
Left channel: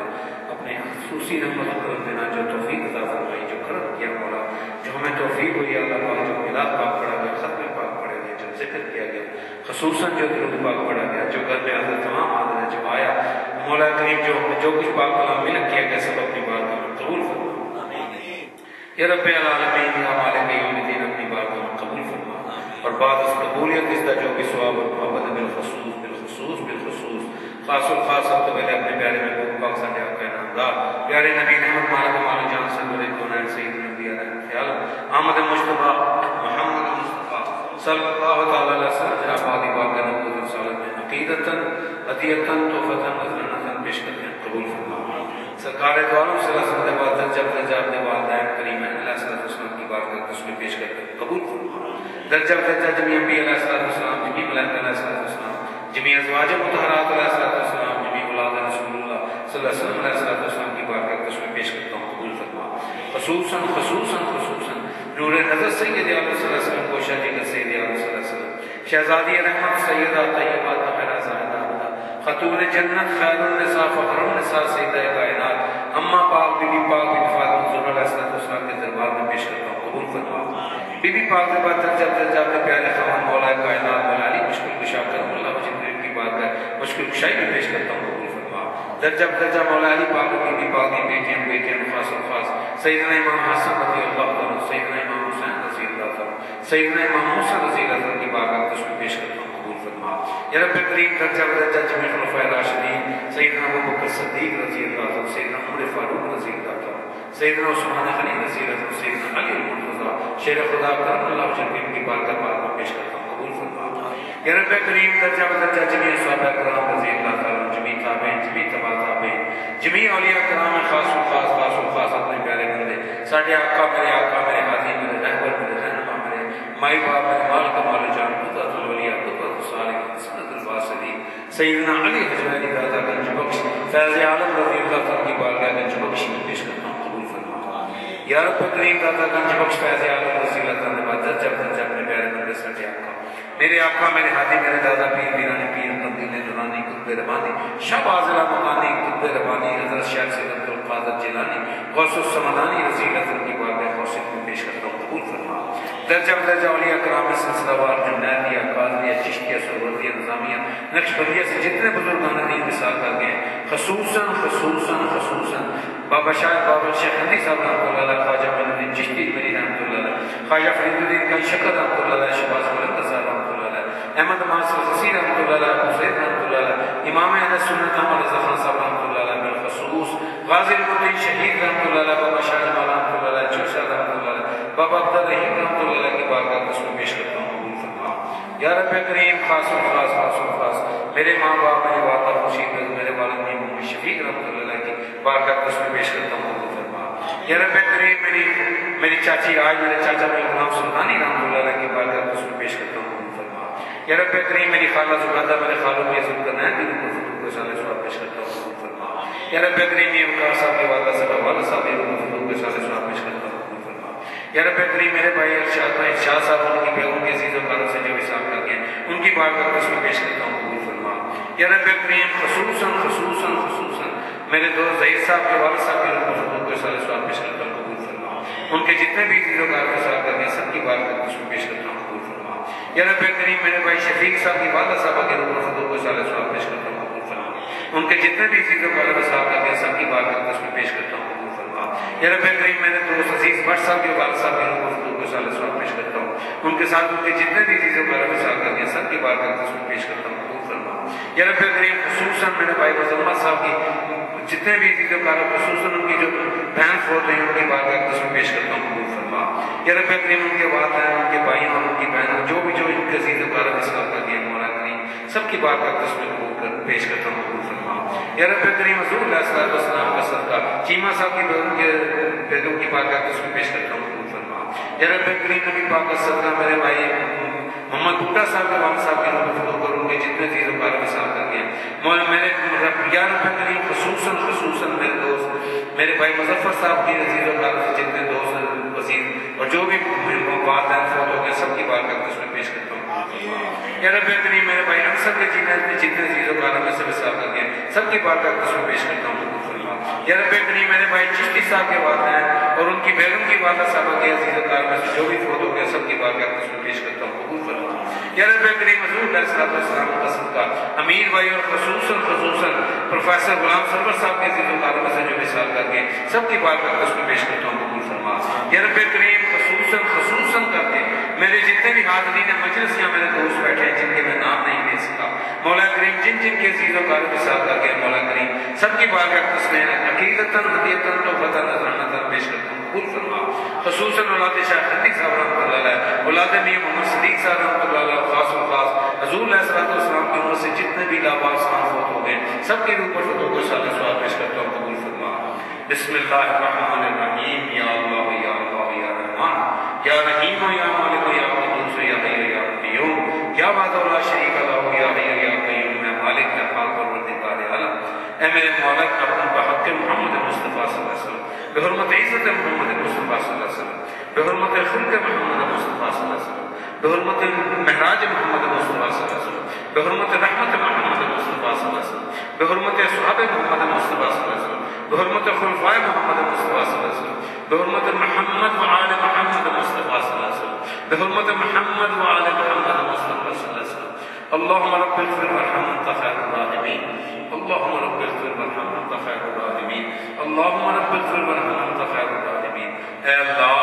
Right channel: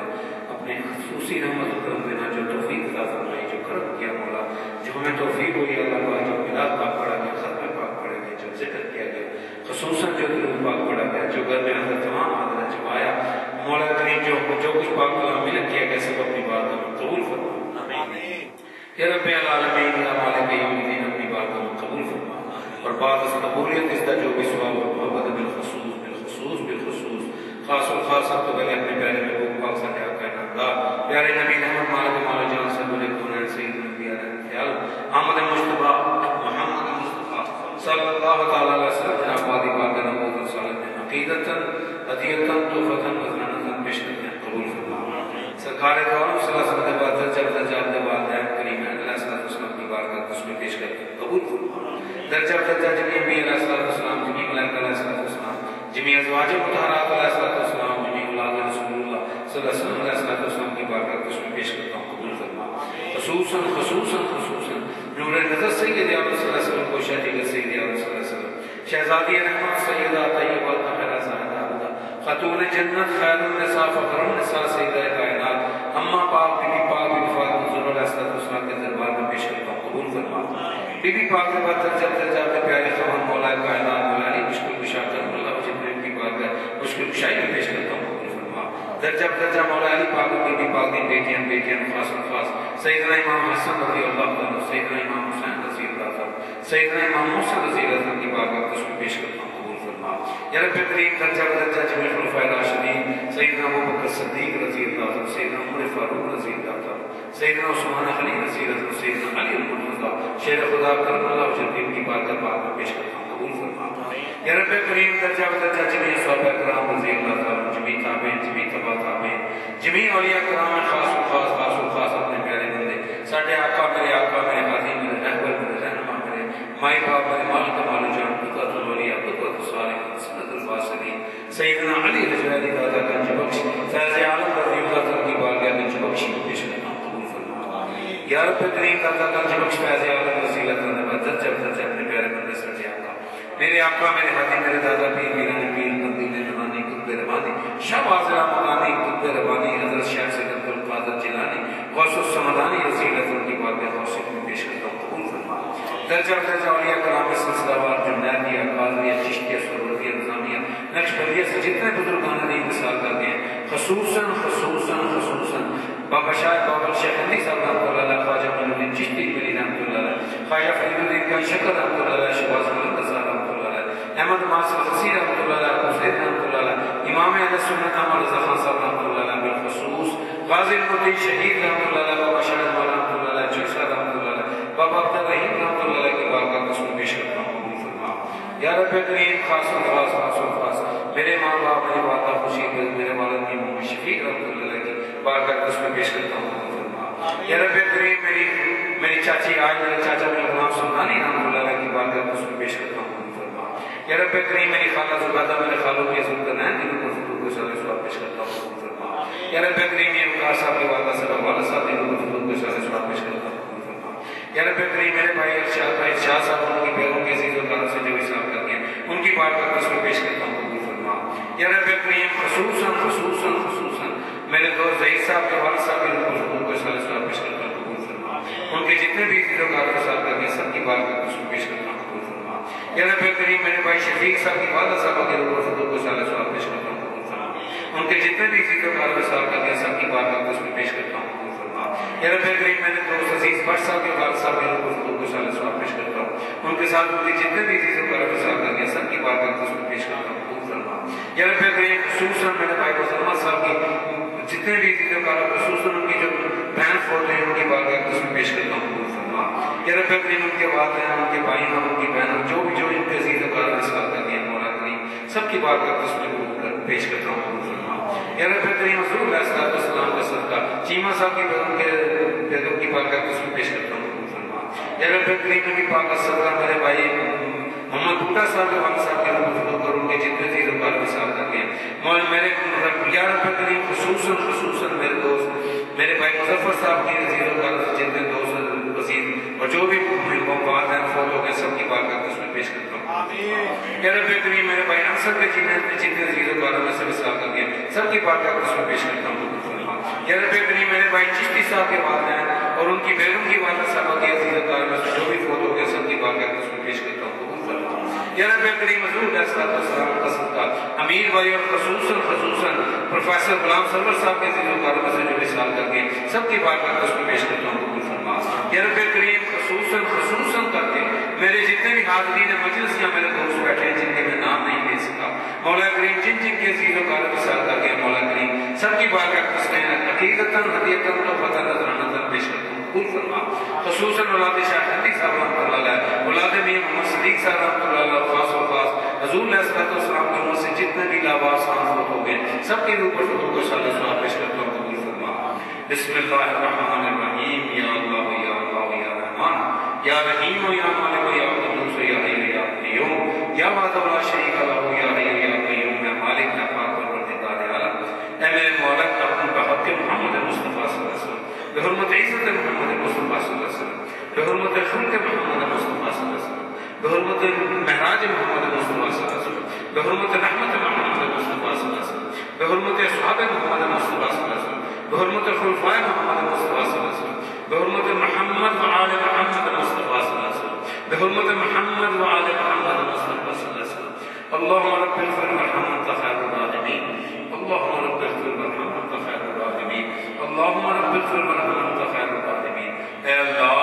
اپنے خصوصی رحمت و کرم دینا جو توفیق عطا فرمائی جو کرم کیا مولا جو ہمیں توفیق ہوئی اللہ پاک جو ملاد پاک پڑھا گیا ختم پاک پڑھا گیا جو ذکر کیا گیا خصوصاً جو درود پاک پڑھا گیا جو گھر میں حضرت تمام آدھر جمایا مولا کریم جو کچھ پاک کلام میں کیا گیا سب اپنی بات میں قبول یا رب العالمین یا مالک یوم الدین اپنی بات کو قبول فرما اور بعد اس قبولیت اس کا جو بھی ثواب اور محبت بالخصوص خاص الخاص آپ تو میں نے اپنے پیارے محبوب پاک صلی اللہ علیہ وسلم پیارے نبی محمد مالا جان سے بولے دونائن سید نبی علیہ خیال آمد مصطفیٰ محمد مصطفیٰ صلی اللہ تعالی علیہ وسلم جناب آدھی واقع نبوت صالح میں عقیدتاً عطیتاً توفتاً مزلانتاً پیش کرتے ہیں قبول فرما سرکار دواروں صلی اللہ علیہ وسلم جب درجہ اپنے والدین کریمین علیہ السلام کی بارگاہ اس میں پیش کرتے ہیں قبول فرما درجہ جمعی انبی علیہ السلام جمعی ملائکہ علیہ السلام جمعی ازواج مطہرات علیہ السلام جمعی اولاد رسول اللہ صلی اللہ علیہ وسلم کی بارگاہ اس میں پیش کرتا ہوں قبول فرما خصوصاً نور نظر سید علیہ وسلم کو شہید سید علیہ وسلم شہزادی رحمت سیدہ طیبہ طاہرہ زاہدہ خاتون جنت خیر النساء فخر النساء سیدہ کائنات اما پاک بی بی پاک بی فاطمہ زہرا علیہ السلام کے دربار میں پیش کرتا ہوں قبول فرما بی بی پاک کے بعد درجہ اپنے پیارے خواہاں مولا کائنات مولا علی مشکل کشا کرم اللہ جبریل کی بات ہے مشکل کشائی میں پیش کرتا ہوں قبول فرما درجہ مولا علی پاک بی بی پاک کی بیٹیاں خاص سیدنا امام حسن رضی اللہ عنہ سیدنا امام حسین رضی اللہ عنہ سیدنا امام موسیٰ رضی اللہ عنہ کی بارگاہ اس میں پیش کرتا ہوں قبول فرما یا رب کریم درجہ جمعی خلفائے راشدین سیدنا ابوبکر صدیق رضی اللہ عنہ سیدنا عمر فاروق رضی اللہ عنہ سیدنا عثمان غنی رضی اللہ عنہ سیدنا علی المرتضی شیر خدا کرم اللہ وجل کی بارگاہ میں پیش کرتا ہوں قبول فرما یا رب کریم درجہ جمعی صحابہ کرام رضی اللہ عنہ جمعی تابعین جمعی تبع تابعین جمعی اولیاء کرام خاص اپنے پیارے بندے ساڈے آقا میرے ہادی میرے رہبر میرے رہنما میرے مائی باپ میرے مالک مال جان قدرت الولیاء قدرت الصالحین سند الواصلین سیدنا علی حجویری دادا گنج بخش فیض عالم رضی اللہ عنہ کی بارگاہ گنج بخش میں پیش کرتا ہوں قبول فرما یا رب کریم دادا گنج بخش فیض عالم رضی اللہ عنہ درجہ اپنے پیارے بندے ساڈے آقا میرے آقا میرے ہادی میرے دادا پیر میرانی پیر قدیم نورانی قطب ربانی شب آزرا مکانی قطب ربانی حضرت شیخ سید عبدالقادر جیلانی غوث السمدانی رضی اللہ عنہ کی بارگاہ غوث میں پیش کرتا ہوں قبول فرما درجہ اولیاء کرام سلسلہ وار جنیدیہ قادریہ چشتیہ سہروردیہ نظامیہ نقشبندیہ سے جتنے بزرگان دین مثال کر گئے خصوصاً بابا شاہ بابا شیخ ہندی صاحب رحمۃ اللہ علیہ خواجہ معین الدین چشتی مری رحمۃ اللہ علیہ خواجہ فرید الدین کا شکر رحمۃ اللہ علیہ شہباز ملک صاحب رحمۃ اللہ علیہ احمد ناصر حسین رحمۃ اللہ علیہ حسین رحمۃ اللہ علیہ امام اہل سنت احمد رضا خان صاحب رحمۃ اللہ علیہ بالخصوص غازی المطیع شہید رحمۃ اللہ علیہ بابا شاہ مولانا رحمۃ اللہ علیہ چوشا رحمۃ اللہ علیہ بابا عبد الرحیم رحمۃ اللہ علیہ کی بارگاہ اس میں پیش کرتا ہوں قبول فرما یا رب کریم خاص میرے ماں باپ میرے والدہ خوشید میرے والد محمد شفیق رحمۃ اللہ علیہ کی بارگاہ اس میں پیش کرتا ہوں قبول فرما یا رب کریم میری چاچی آج میرے چاچا میں غلام سلطانی رحمۃ اللہ علیہ کی بارگاہ اس میں پیش کرتا ہوں یا رب کریم میری خالہ زبادہ میرے خالوں کی عزت کرنا ہے دین کو صلی اللہ علیہ وسلم پیش کرتا ہوں قبول فرما یا رب کریم یہ امکار صاحب کے والدہ صاحب والد صاحب کو صلی اللہ علیہ وسلم پیش کرتا ہوں قبول فرما یا رب کریم میرے بھائی ارشاد شاہ صاحب ان کی بیگم کے عزیز و کاروں سے جو حساب کر گئے ان کی بارگاہ اس میں پیش کرتا ہوں قبول فرما یا رب کریم خصوصاً میرے دوست ظہیر صاحب کے والد صاحب کے کو صلی اللہ علیہ وسلم پیش کرتا ہوں قبول فرما ان کے جتنے بھی عزیز و کاروں حساب کر گئے سب کی بارگاہ اس میں پیش کرتا ہوں قبول فرما یا رب کریم میرے بھائی شفیق صاحب کی والدہ صاحبہ کے روح الفضل کو صلی اللہ علیہ وسلم پیش کرتا ہوں قبول فرما ان کے جتنے بھی عزیز و کاروں حساب کر گئے سب کی بارگاہ اس میں پیش کرتا ہوں قبول فرما یا رب کریم میرے دوست عزیز بٹ صاحب کے والد صاحب کے روح الفضل کو صلی اللہ علیہ وسلم پیش کرتا ہوں ان کے ساتھ ان کے جتنے بھی عزیز و کاروں حساب کر گئے سب کی بارگاہ اس میں پیش کرتا ہوں قبول فرما یا رب کریم خصوصاً میرے بھائی مسلمہ صاحب کی جتنے بھی عزیز و کاروں خصوصاً ان کی جو بہن فوت ہیں ان کی بارگاہ اس میں پیش کرتا ہوں قبول فرما یا رب کریم ان کے والدین ان کے بھائی اور ان کی بہنوں جو ان کے عزیز و کاروں حساب کر گئے مولا کریم سب کی بارگاہ اس میں پیش کرتا ہوں قبول فرما یا رب کریم حضور علیہ السلام کا صدقہ چیمہ صاحب کی بیگم کی بارگاہ اس میں پیش کرتا ہوں قبول فرما یا رب کریم کی پاک کا صدقہ میرے بھائی محمد بھٹا صاحب کے والد صاحب کے نام پر ان کے جتنے چیز کار مثال کر کے مولا میرے یا رب کریم خصوصاً میرے دوست میرے بھائی مظفر صاحب کے عزیز و کار جتنے دوست وزیر اور جو بھی بات ہیں فوت ہو گئے سب کی بارگاہ اس میں پیش کرتا ہوں یا رب کریم میرے بھائی انصر کے جتنے عزیز و کاروں میں سے مثال کر کے سب کی بارگاہ اس میں پیش کرتا ہوں یا رب کریم میرے بھائی چشتی صاحب کے والدین اور ان کی بیگم کی والدہ صاحبہ کے عزیز و کار میں سے جو بھی فوت ہو گئے سب کی بارگاہ اس میں پیش کرتا ہوں یا رب کریم حضور علیہ السلام کا صدقہ امیر بھائی اور خصوصاً پروفیسر غلام سرور صاحب کے عزیز و کارم سے جو مثال کر کے سب کی بارگاہ میں اس میں پیش کرتا ہوں قبول فرما. یا رب کریم خصوصاً کر کے میرے جتنے بھی حاضرین مجلس یا میرے دوست بیٹھے ہیں جن کے میں نام نہیں لے سکا مولا کریم جن کے عزیز و کارم کے ساتھ کر کے مولا کریم سب کی بارگاہ میں اس میں عقیدتاً ہدیتاً توبتاً نذرانہ پیش کرتا ہوں قبول فرما. خصوصاً اولاد شاہ صدیق صاحب رحمۃ اللہ علیہ اولاد میاں محمد صدیق صاحب رحمۃ اللہ علیہ خاص و خاص حضور علیہ السلام کی امت سے جتنے بھی لاواز فوت ہو گئے سب کے اوپر فتح کو صالح سوال پیش کرتا ہوں قبول فرما. بسم اللہ الرحمن الرحیم. یا اللہ یا اللہ یا رحمان یا رحیم یا مالک یا قدوس یا حی یا قیوم یا وحدہ لا شریک لہ یا حی یا قیوم یا مالک یا پاک پروردگار عالم. اے میرے مولا کرم بحق محمد مصطفیٰ صلی اللہ علیہ وسلم بحرمت عزت محمد مصطفیٰ صلی اللہ علیہ وسلم بحرمت خلق محمد مصطفیٰ صلی اللہ علیہ وسلم بحرمت معراج محمد مصطفیٰ صلی اللہ علیہ وسلم بحرمت رحمت محمد مصطفیٰ صلی اللہ علیہ وسلم بحرمت اصحاب محمد مصطفیٰ صلی اللہ علیہ وسلم بحرمت خلفاء محمد مصطفیٰ صلی اللہ علیہ وسلم بحرمت محمد وآل محمد مصطفیٰ صلی اللہ علیہ وسلم بحرمت محمد وآل محمد مصطفیٰ صلی اللہ علیہ وسلم. اللهم رب اغفر وارحم انت خير الراحمين. اللهم رب اغفر وارحم انت خير الراحمين. اللهم رب اغفر وارحم انت خير الراحمين. اے اللہ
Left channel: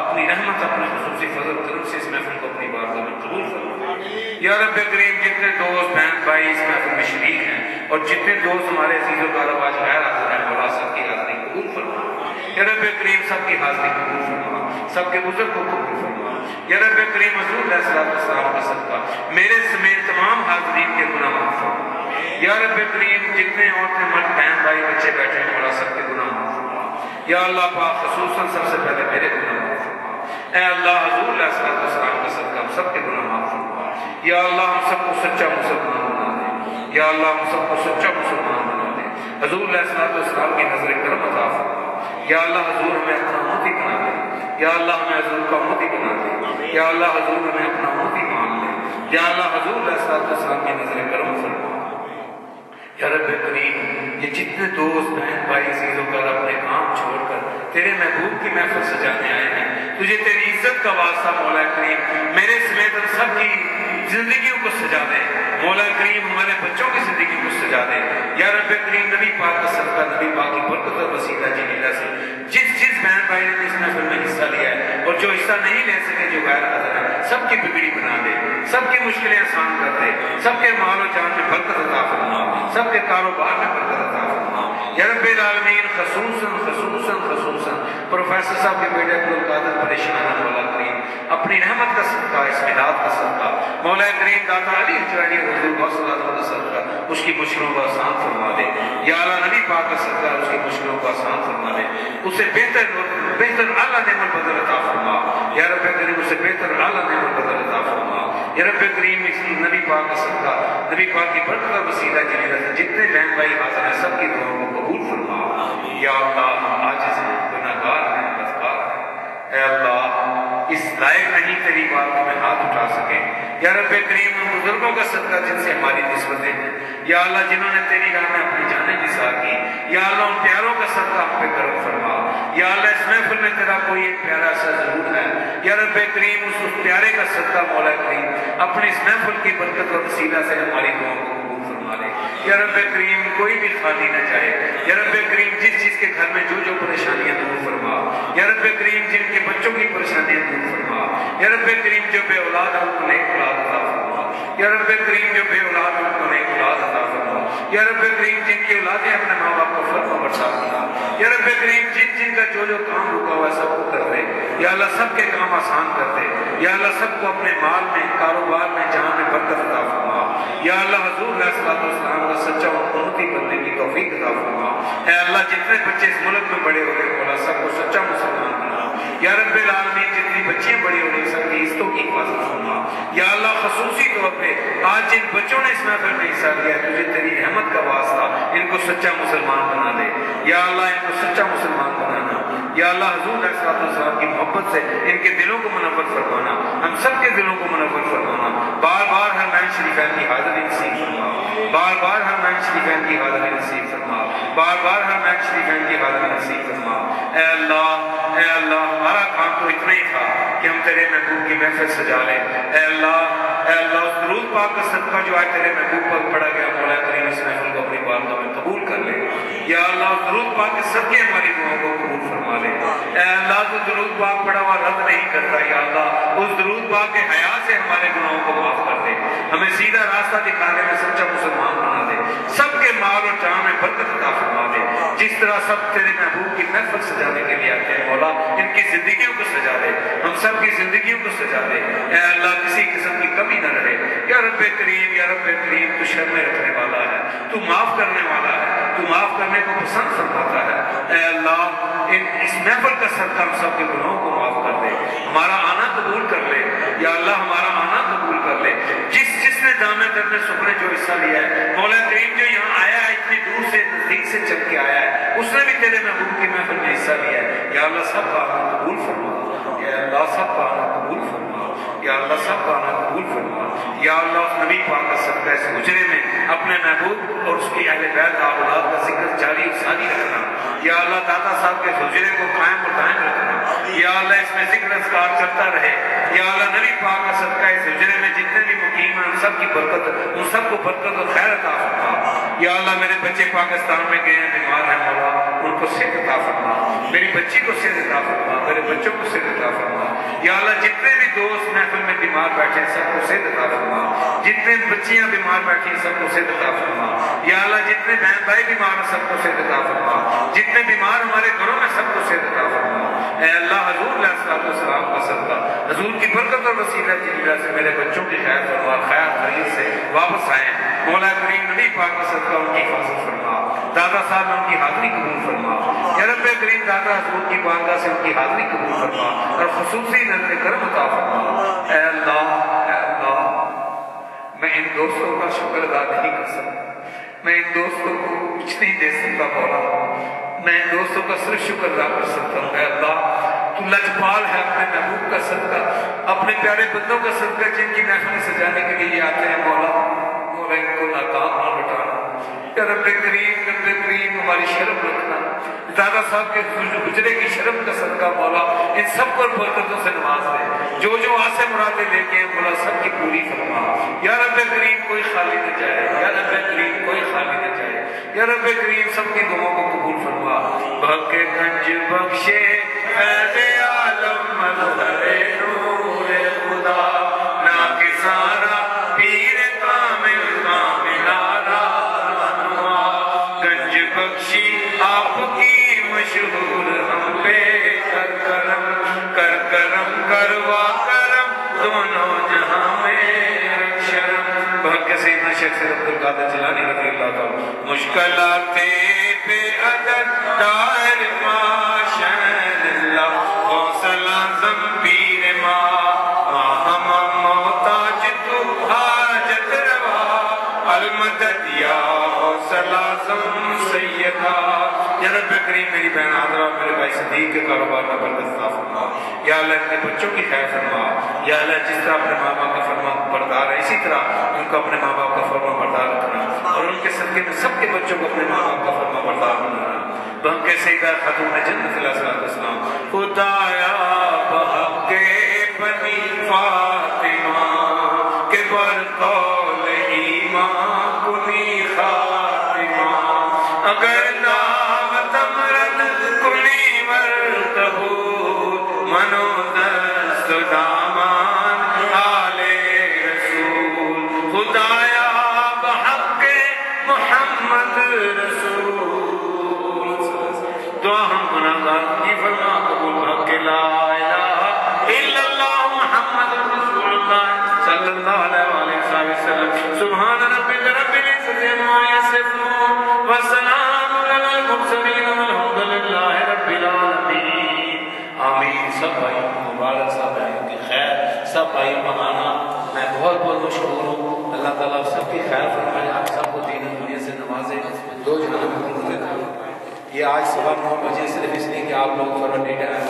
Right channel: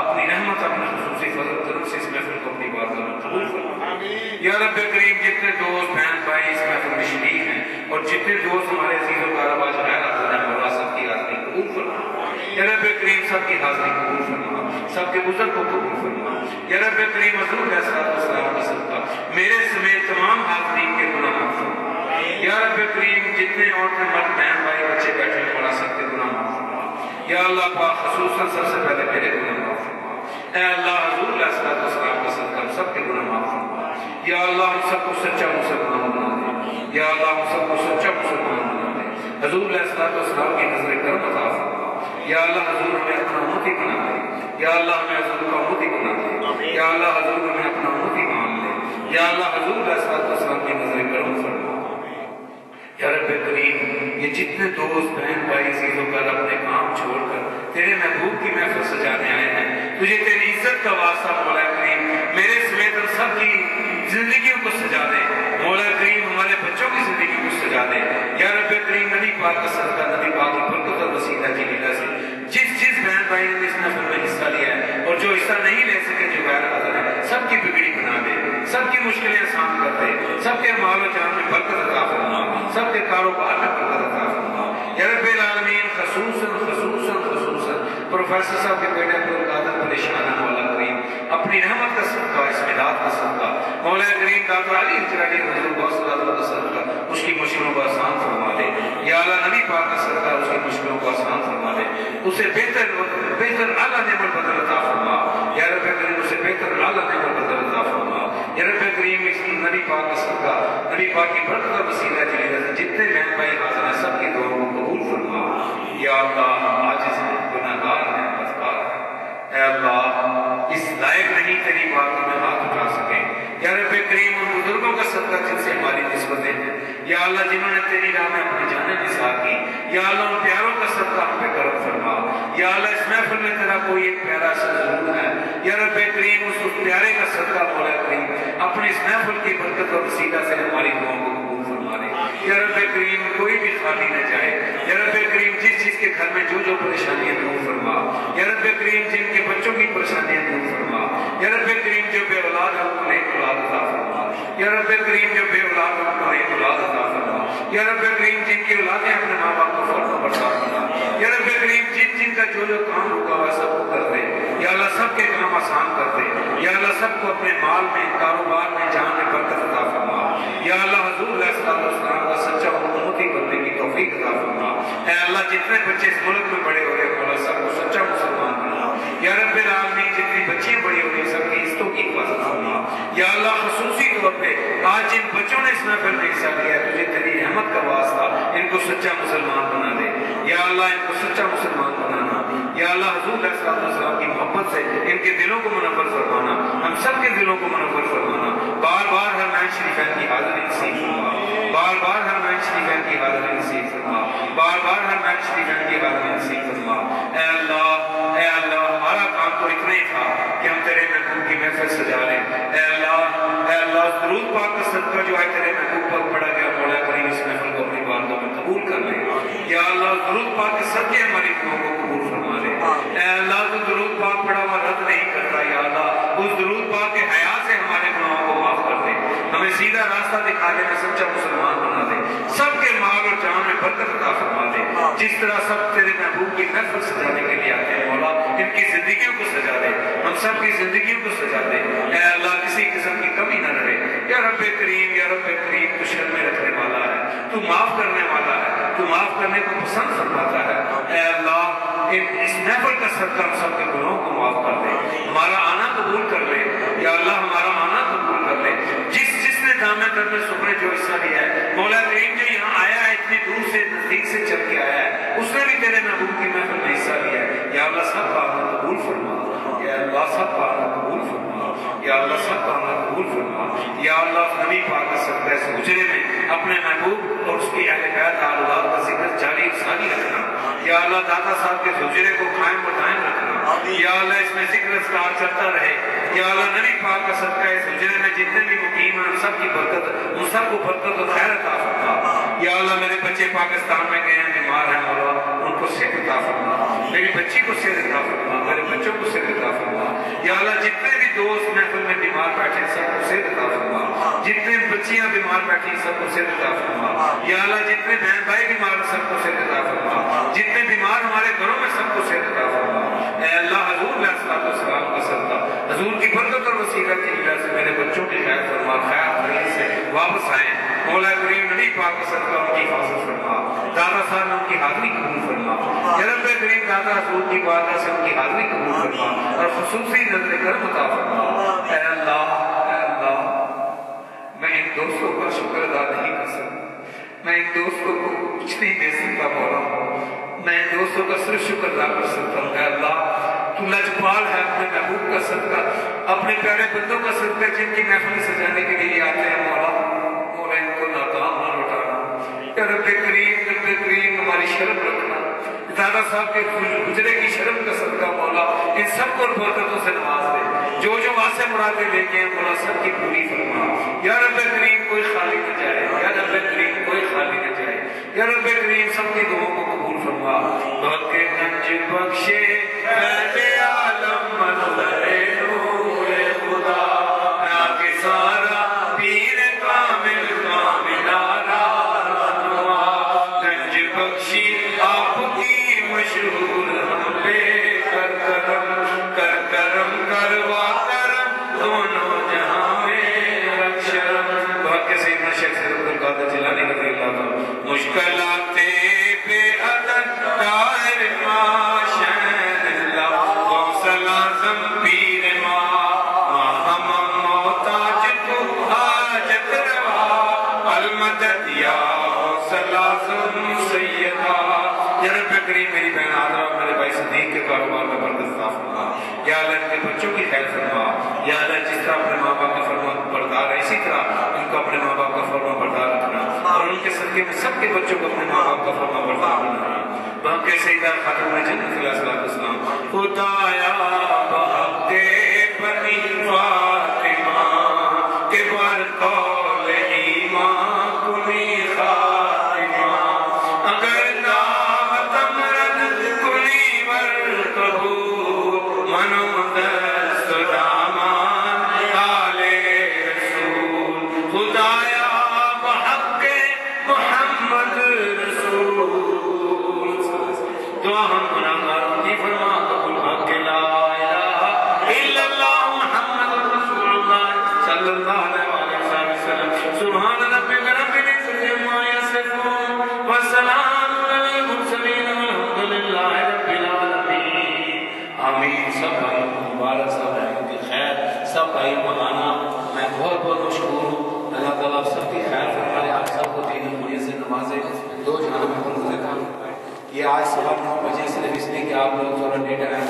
اپنی رحمت اپنے خصوصی فضل کرم سے اس محفل کو اپنی بارگاہ میں قبول فرما. یا رب کریم جتنے دوست بہن بھائی اس محفل میں شریک ہیں اور جتنے دوست ہمارے عزیز و کارب آج غیر حاضر ہیں مولا سب کی حاضری قبول فرما. یا رب کریم سب کی حاضری قبول فرما سب کے عذر کو قبول فرما. یا رب کریم حضور علیہ السلام کا صدقہ میرے سمیت تمام حاضرین کے گناہ معاف فرما. یا رب کریم جتنے عورتیں مرد بہن بھائی بچے بیٹھے ہیں مولا سب کے گناہ معاف فرما. یا اللہ پاک خصوصاً سب سے پہلے میرے گناہ معاف فرما. اے اللہ حضور علیہ السلام کا صدقہ ہم سب کے گناہ معاف فرما. یا اللہ ہم سب کو سچا مسلمان بنا دے. یا اللہ ہم سب کو سچا مسلمان بنا دے. حضور علیہ السلام کی نظر کرم عطا فرما. یا اللہ حضور ہمیں اپنا امتی بنا دے. یا اللہ ہمیں حضور کا امتی بنا دے. یا اللہ حضور ہمیں اپنا امتی مان لے. یا اللہ حضور علیہ السلام کی نظر کرم فرما. یا رب کریم یہ جتنے دوست بہن بھائی عزیزوں کا اپنے کام چھوڑ کر تیرے محبوب کی محفل سجانے آئے ہیں تجھے تیری عزت کا واسطہ مولا کریم میرے سمیت سب کی زندگیوں کو سجا دے. مولا کریم ہمارے بچوں کی زندگی کو سجا دے. یا رب کریم نبی پاک کا صدقہ نبی پاک کی برکت اور وسیلہ جلیلہ سے جس بہن بھائی نے اس محفل میں حصہ لیا ہے اور جو حصہ نہیں لے سکے جو غیر حاضر ہے سب کی بگڑی بنا دے. سب کی مشکلیں آسان کر دے. سب کے مال و جان میں برکت عطا فرما. سب کے کاروبار میں برکت عطا فرما. یا رب العالمین خصوصاً پروفیسر صاحب کے بیٹے عبدالقادر پریشان ہے مولا کریم اپنی رحمت کا صدقہ اسمداد کا صدقہ مولا کریم داتا علی حجرانی حضور صلی کا صدقہ اس کی مشکلوں کو آسان فرما دے. یا اللہ نبی پاک کا صدقہ اس کی مشکلوں کو آسان فرما دے. اسے بہتر اعلیٰ نعمت بدل عطا فرما. یا رب کریم اسے بہتر اعلیٰ نعمت بدل عطا فرما. یا رب کریم اس نبی پاک کا صدقہ نبی پاک کی برکت اور وسیلہ جلیلہ سے جتنے بہن بھائی حاضر ہیں سب کی دعاؤں کو قبول فرما. یا اللہ ہم عاجز ہیں گناہگار ہیں بدکار ہیں. اے اللہ اس لائق نہیں تیری بارگاہ میں ہاتھ اٹھا سکیں. یا رب کریم ان بزرگوں کا صدقہ جن سے ہماری نسبتیں ہیں یا اللہ جنہوں نے تیری راہ میں اپنی جانیں نثار کی یا اللہ ان پیاروں کا صدقہ ہم پہ کرم فرما. یا اللہ اس محفل میں تیرا کوئی ایک پیارا سا ضرور ہے. یا رب کریم اس پیارے کا صدقہ مولا کریم اپنی اس محفل کی برکت اور وسیلہ سے ہماری دعاؤں کو قبول فرما لے. یا رب کریم کوئی بھی خالی نہ جائے. یا رب کریم جس چیز کے گھر میں جو پریشانیاں دور فرما. یا رب کریم جن کے بچوں کی پریشانیاں دور فرما. یا رب کریم جو بے اولاد ہو ان کو نیک اولاد عطا فرما. یا رب کریم جو بے اولاد ہو ان کو نیک اولاد عطا فرما. یا رب کریم جن کی اولادیں اپنے ماں باپ کو فرما بردار فرما. یا رب کریم جن کا جو کام رکا ہوا ہے سب کو کر دے. یا اللہ سب کے کام آسان کر دے. یا اللہ سب کو اپنے مال میں کاروبار میں جان میں برکت عطا فرما. یا اللہ حضور علیہ السلام کا سچا امتی بننے کی توفیق عطا فرما. اے اللہ جتنے بچے اس ملک میں بڑے ہو گئے مولا سب کو سچا مسلمان بنا. یا رب العالمین جتنی بچیاں بڑی ہو رہی سب کی عزتوں کی حفاظت فرما. یا اللہ خصوصی طور پہ آج جن بچوں نے اس محفل میں حصہ لیا ہے تجھے تیری رحمت کا واسطہ ان کو سچا مسلمان بنا دے. یا اللہ ان کو سچا مسلمان بنانا. یا اللہ حضور علیہ السلام کی محبت سے ان کے دلوں کو منور فرمانا. ہم سب کے دلوں کو منور فرمانا. بار بار حرمین شریفین کی حاضری نصیب فرما. بار بار حرمین شریفین کی حاضری نصیب فرما. بار بار حرمین شریفین کی حاضری نصیب فرما. اے اللہ ہمارا کام تو اتنا ہی تھا کہ ہم تیرے محبوب کی محفل سجا لیں. اے اللہ درود پاک کا صدقہ جو ہے تیرے محبوب پر پڑا گیا مولا کریم اس محفل کو اپنی بارگاہ میں قبول کر لے. یا اللہ درود پاک کے صدقے ہماری دعاؤں کو قبول فرما لے. اے اللہ تو درود پاک پڑا ہوا رد نہیں کرتا. یا اللہ اس درود پاک کے حیا سے ہمارے گناہوں کو معاف کر دے. ہمیں سیدھا راستہ دکھانے میں سچا مسلمان بنا دے. سب کے مال اور جان میں برکت عطا فرما دے. جس طرح سب تیرے محبوب کی محفل سجانے کے لیے آتے ہیں مولا ان کی زندگیوں کو سجا دے. ہم سب کی زندگیوں کو سجا دے. اے اللہ کسی قسم کی کمی نہ رہے. یا رب کریم تو شرمیں رکھنے والا ہے, تو معاف کرنے والا ہے, تو معاف کرنے کو پسند فرماتا ہے. اے اللہ اس محفل کا صدقہ ہم سب کے گناہوں کو معاف کر دے. ہمارا آنا قبول کر لے. یا اللہ ہمارا آنا قبول کر لے. جس نے دامن در میں سکھنے جو حصہ لیا ہے مولا کریم جو یہاں آیا ہے اتنی دور سے نزدیک سے چل کے آیا ہے اس نے بھی تیرے محبوب کی محفل میں حصہ لیا ہے. یا اللہ سب کا آنا قبول فرما. یا اللہ سب کا آنا قبول فرما. یا اللہ سب کا آنا قبول فرما. یا اللہ نبی پاک کا صدقہ اس حجرے میں اپنے محبوب اور اس کی اہل بیت اولاد کا ذکر جاری ساری رکھنا. یا اللہ داتا صاحب کے حجرے کو قائم و دائم رکھنا. یا اللہ اس میں ذکر اذکار چلتا رہے. یا اللہ نبی پاک کا صدقہ اس حجرے میں جتنے بھی مقیم ہیں ان سب کی برکت, ان سب کو برکت و خیر عطا فرما. یا اللہ میرے بچے پاکستان میں گئے ہیں بیمار ہیں مولا ان کو صحت عطا فرما. میری بچی کو صحت عطا فرما. میرے بچوں کو صحت عطا فرما. یا اللہ جتنے بھی دوست محفل میں بیمار بیٹھے سب کو صحت عطا فرما. جتنے بچیاں بیمار بیٹھی سب کو صحت عطا فرما. یا اللہ جتنے بہن بھائی بیمار ہیں سب کو صحت عطا فرما. جتنے بیمار ہمارے گھروں میں سب کو صحت عطا فرما. اے اللہ حضور علیہ السلام کا صدقہ حضور کی برکت اور وسیلت کی وجہ سے میرے بچوں کی خیر فرما, خیر خرید سے واپس آئے مولا کریم نبی پاک کا صدقہ ان کی حفاظت فرما. دادا صاحب نے ان کی حاضری قبول فرما. یا رب کریم دادا حضور کی بارگاہ سے ان کی حاضری قبول فرما اور خصوصی نظر کرم عطا فرما. اے اللہ میں ان دوستوں کا شکر ادا نہیں کر سکتا. میں ان دوستوں کو کچھ نہیں دے سکتا مولا. میں ان دوستوں کا صرف شکر ادا کر سکتا ہوں. اے اللہ تو لجپال ہے اپنے محبوب کا صدقہ اپنے پیارے بندوں کا صدقہ جن کی محفل سجانے کے لیے آتے ہیں مولا ان کو ناکام نہ لوٹانا. یا رب کریم ہماری شرم رکھنا. دادا صاحب کے حجرے کی شرم کا صدقہ مولا ان سب کو برکتوں سے نواز دے. جو آسے مرادیں لے کے مولا سب کی پوری فرما. یا رب کریم کوئی خالی نہ جائے. یا رب کریم کوئی خالی نہ جائے. یا رب کریم سب کی دعاؤں کو قبول فرما. بک گنج بخشے فیض عالم منظر نور خدا نا کے سارا پیر کامل کاملارا گنج بخشی آپ کی مشہور ہم پہ کر کرم کروا کرم دونوں جہاں میں شرم. بہت کے سیدنا شیخ سید عبد القادر جیلانی رضی اللہ تعالیٰ مشکلات بے عدد دائر ماشین اللہ غوث اعظم پیر ہم محتاج تو حاجت روا المدد یا غوث اعظم سیدہ. یا رب کریم میری بہن عذرا میرے بھائی صدیق کے کاروبار کا برکت عطا فرما. یا اللہ اپنے بچوں کی خیر فرما. یا اللہ جس طرح اپنے ماں باپ کا فرما بردار ہے اسی طرح ان کو اپنے ماں باپ کا فرما بردار رکھنا اور ان کے صدقے میں سب کے بچوں کو اپنے ماں باپ کا فرما بردار بنانا. تو ہم کے سیدہ خاتون جنت علیہ السلام خدایا بحق بنی فاطمہ کے برقول ایمان کنی خاتمہ اگر نام تمرد کلی ورکہو منو دست دامان آل رسول. خدایا بحق محمد رسول دعا ہم گناہگار کی فرما قبول حق لا الہ الا اللہ محمد رسول اللہ صلی اللہ علیہ وسلم. سبحان ربک رب العزت عما یصفون وسلام علی المرسلین والحمد للہ رب العالمین. آمین. سب بھائی مبارک سب بھائیوں کی خیر سب بھائی مہانا میں بہت بہت مشکور ہوں. اللہ تعالیٰ سب کی خیر فرمائے آپ سب کو دین دنیا سے نوازے. دو جہاں میں یہ آج صبح 9 بجے صرف اس لیے کہ آپ لوگ تھوڑا لیٹ آئے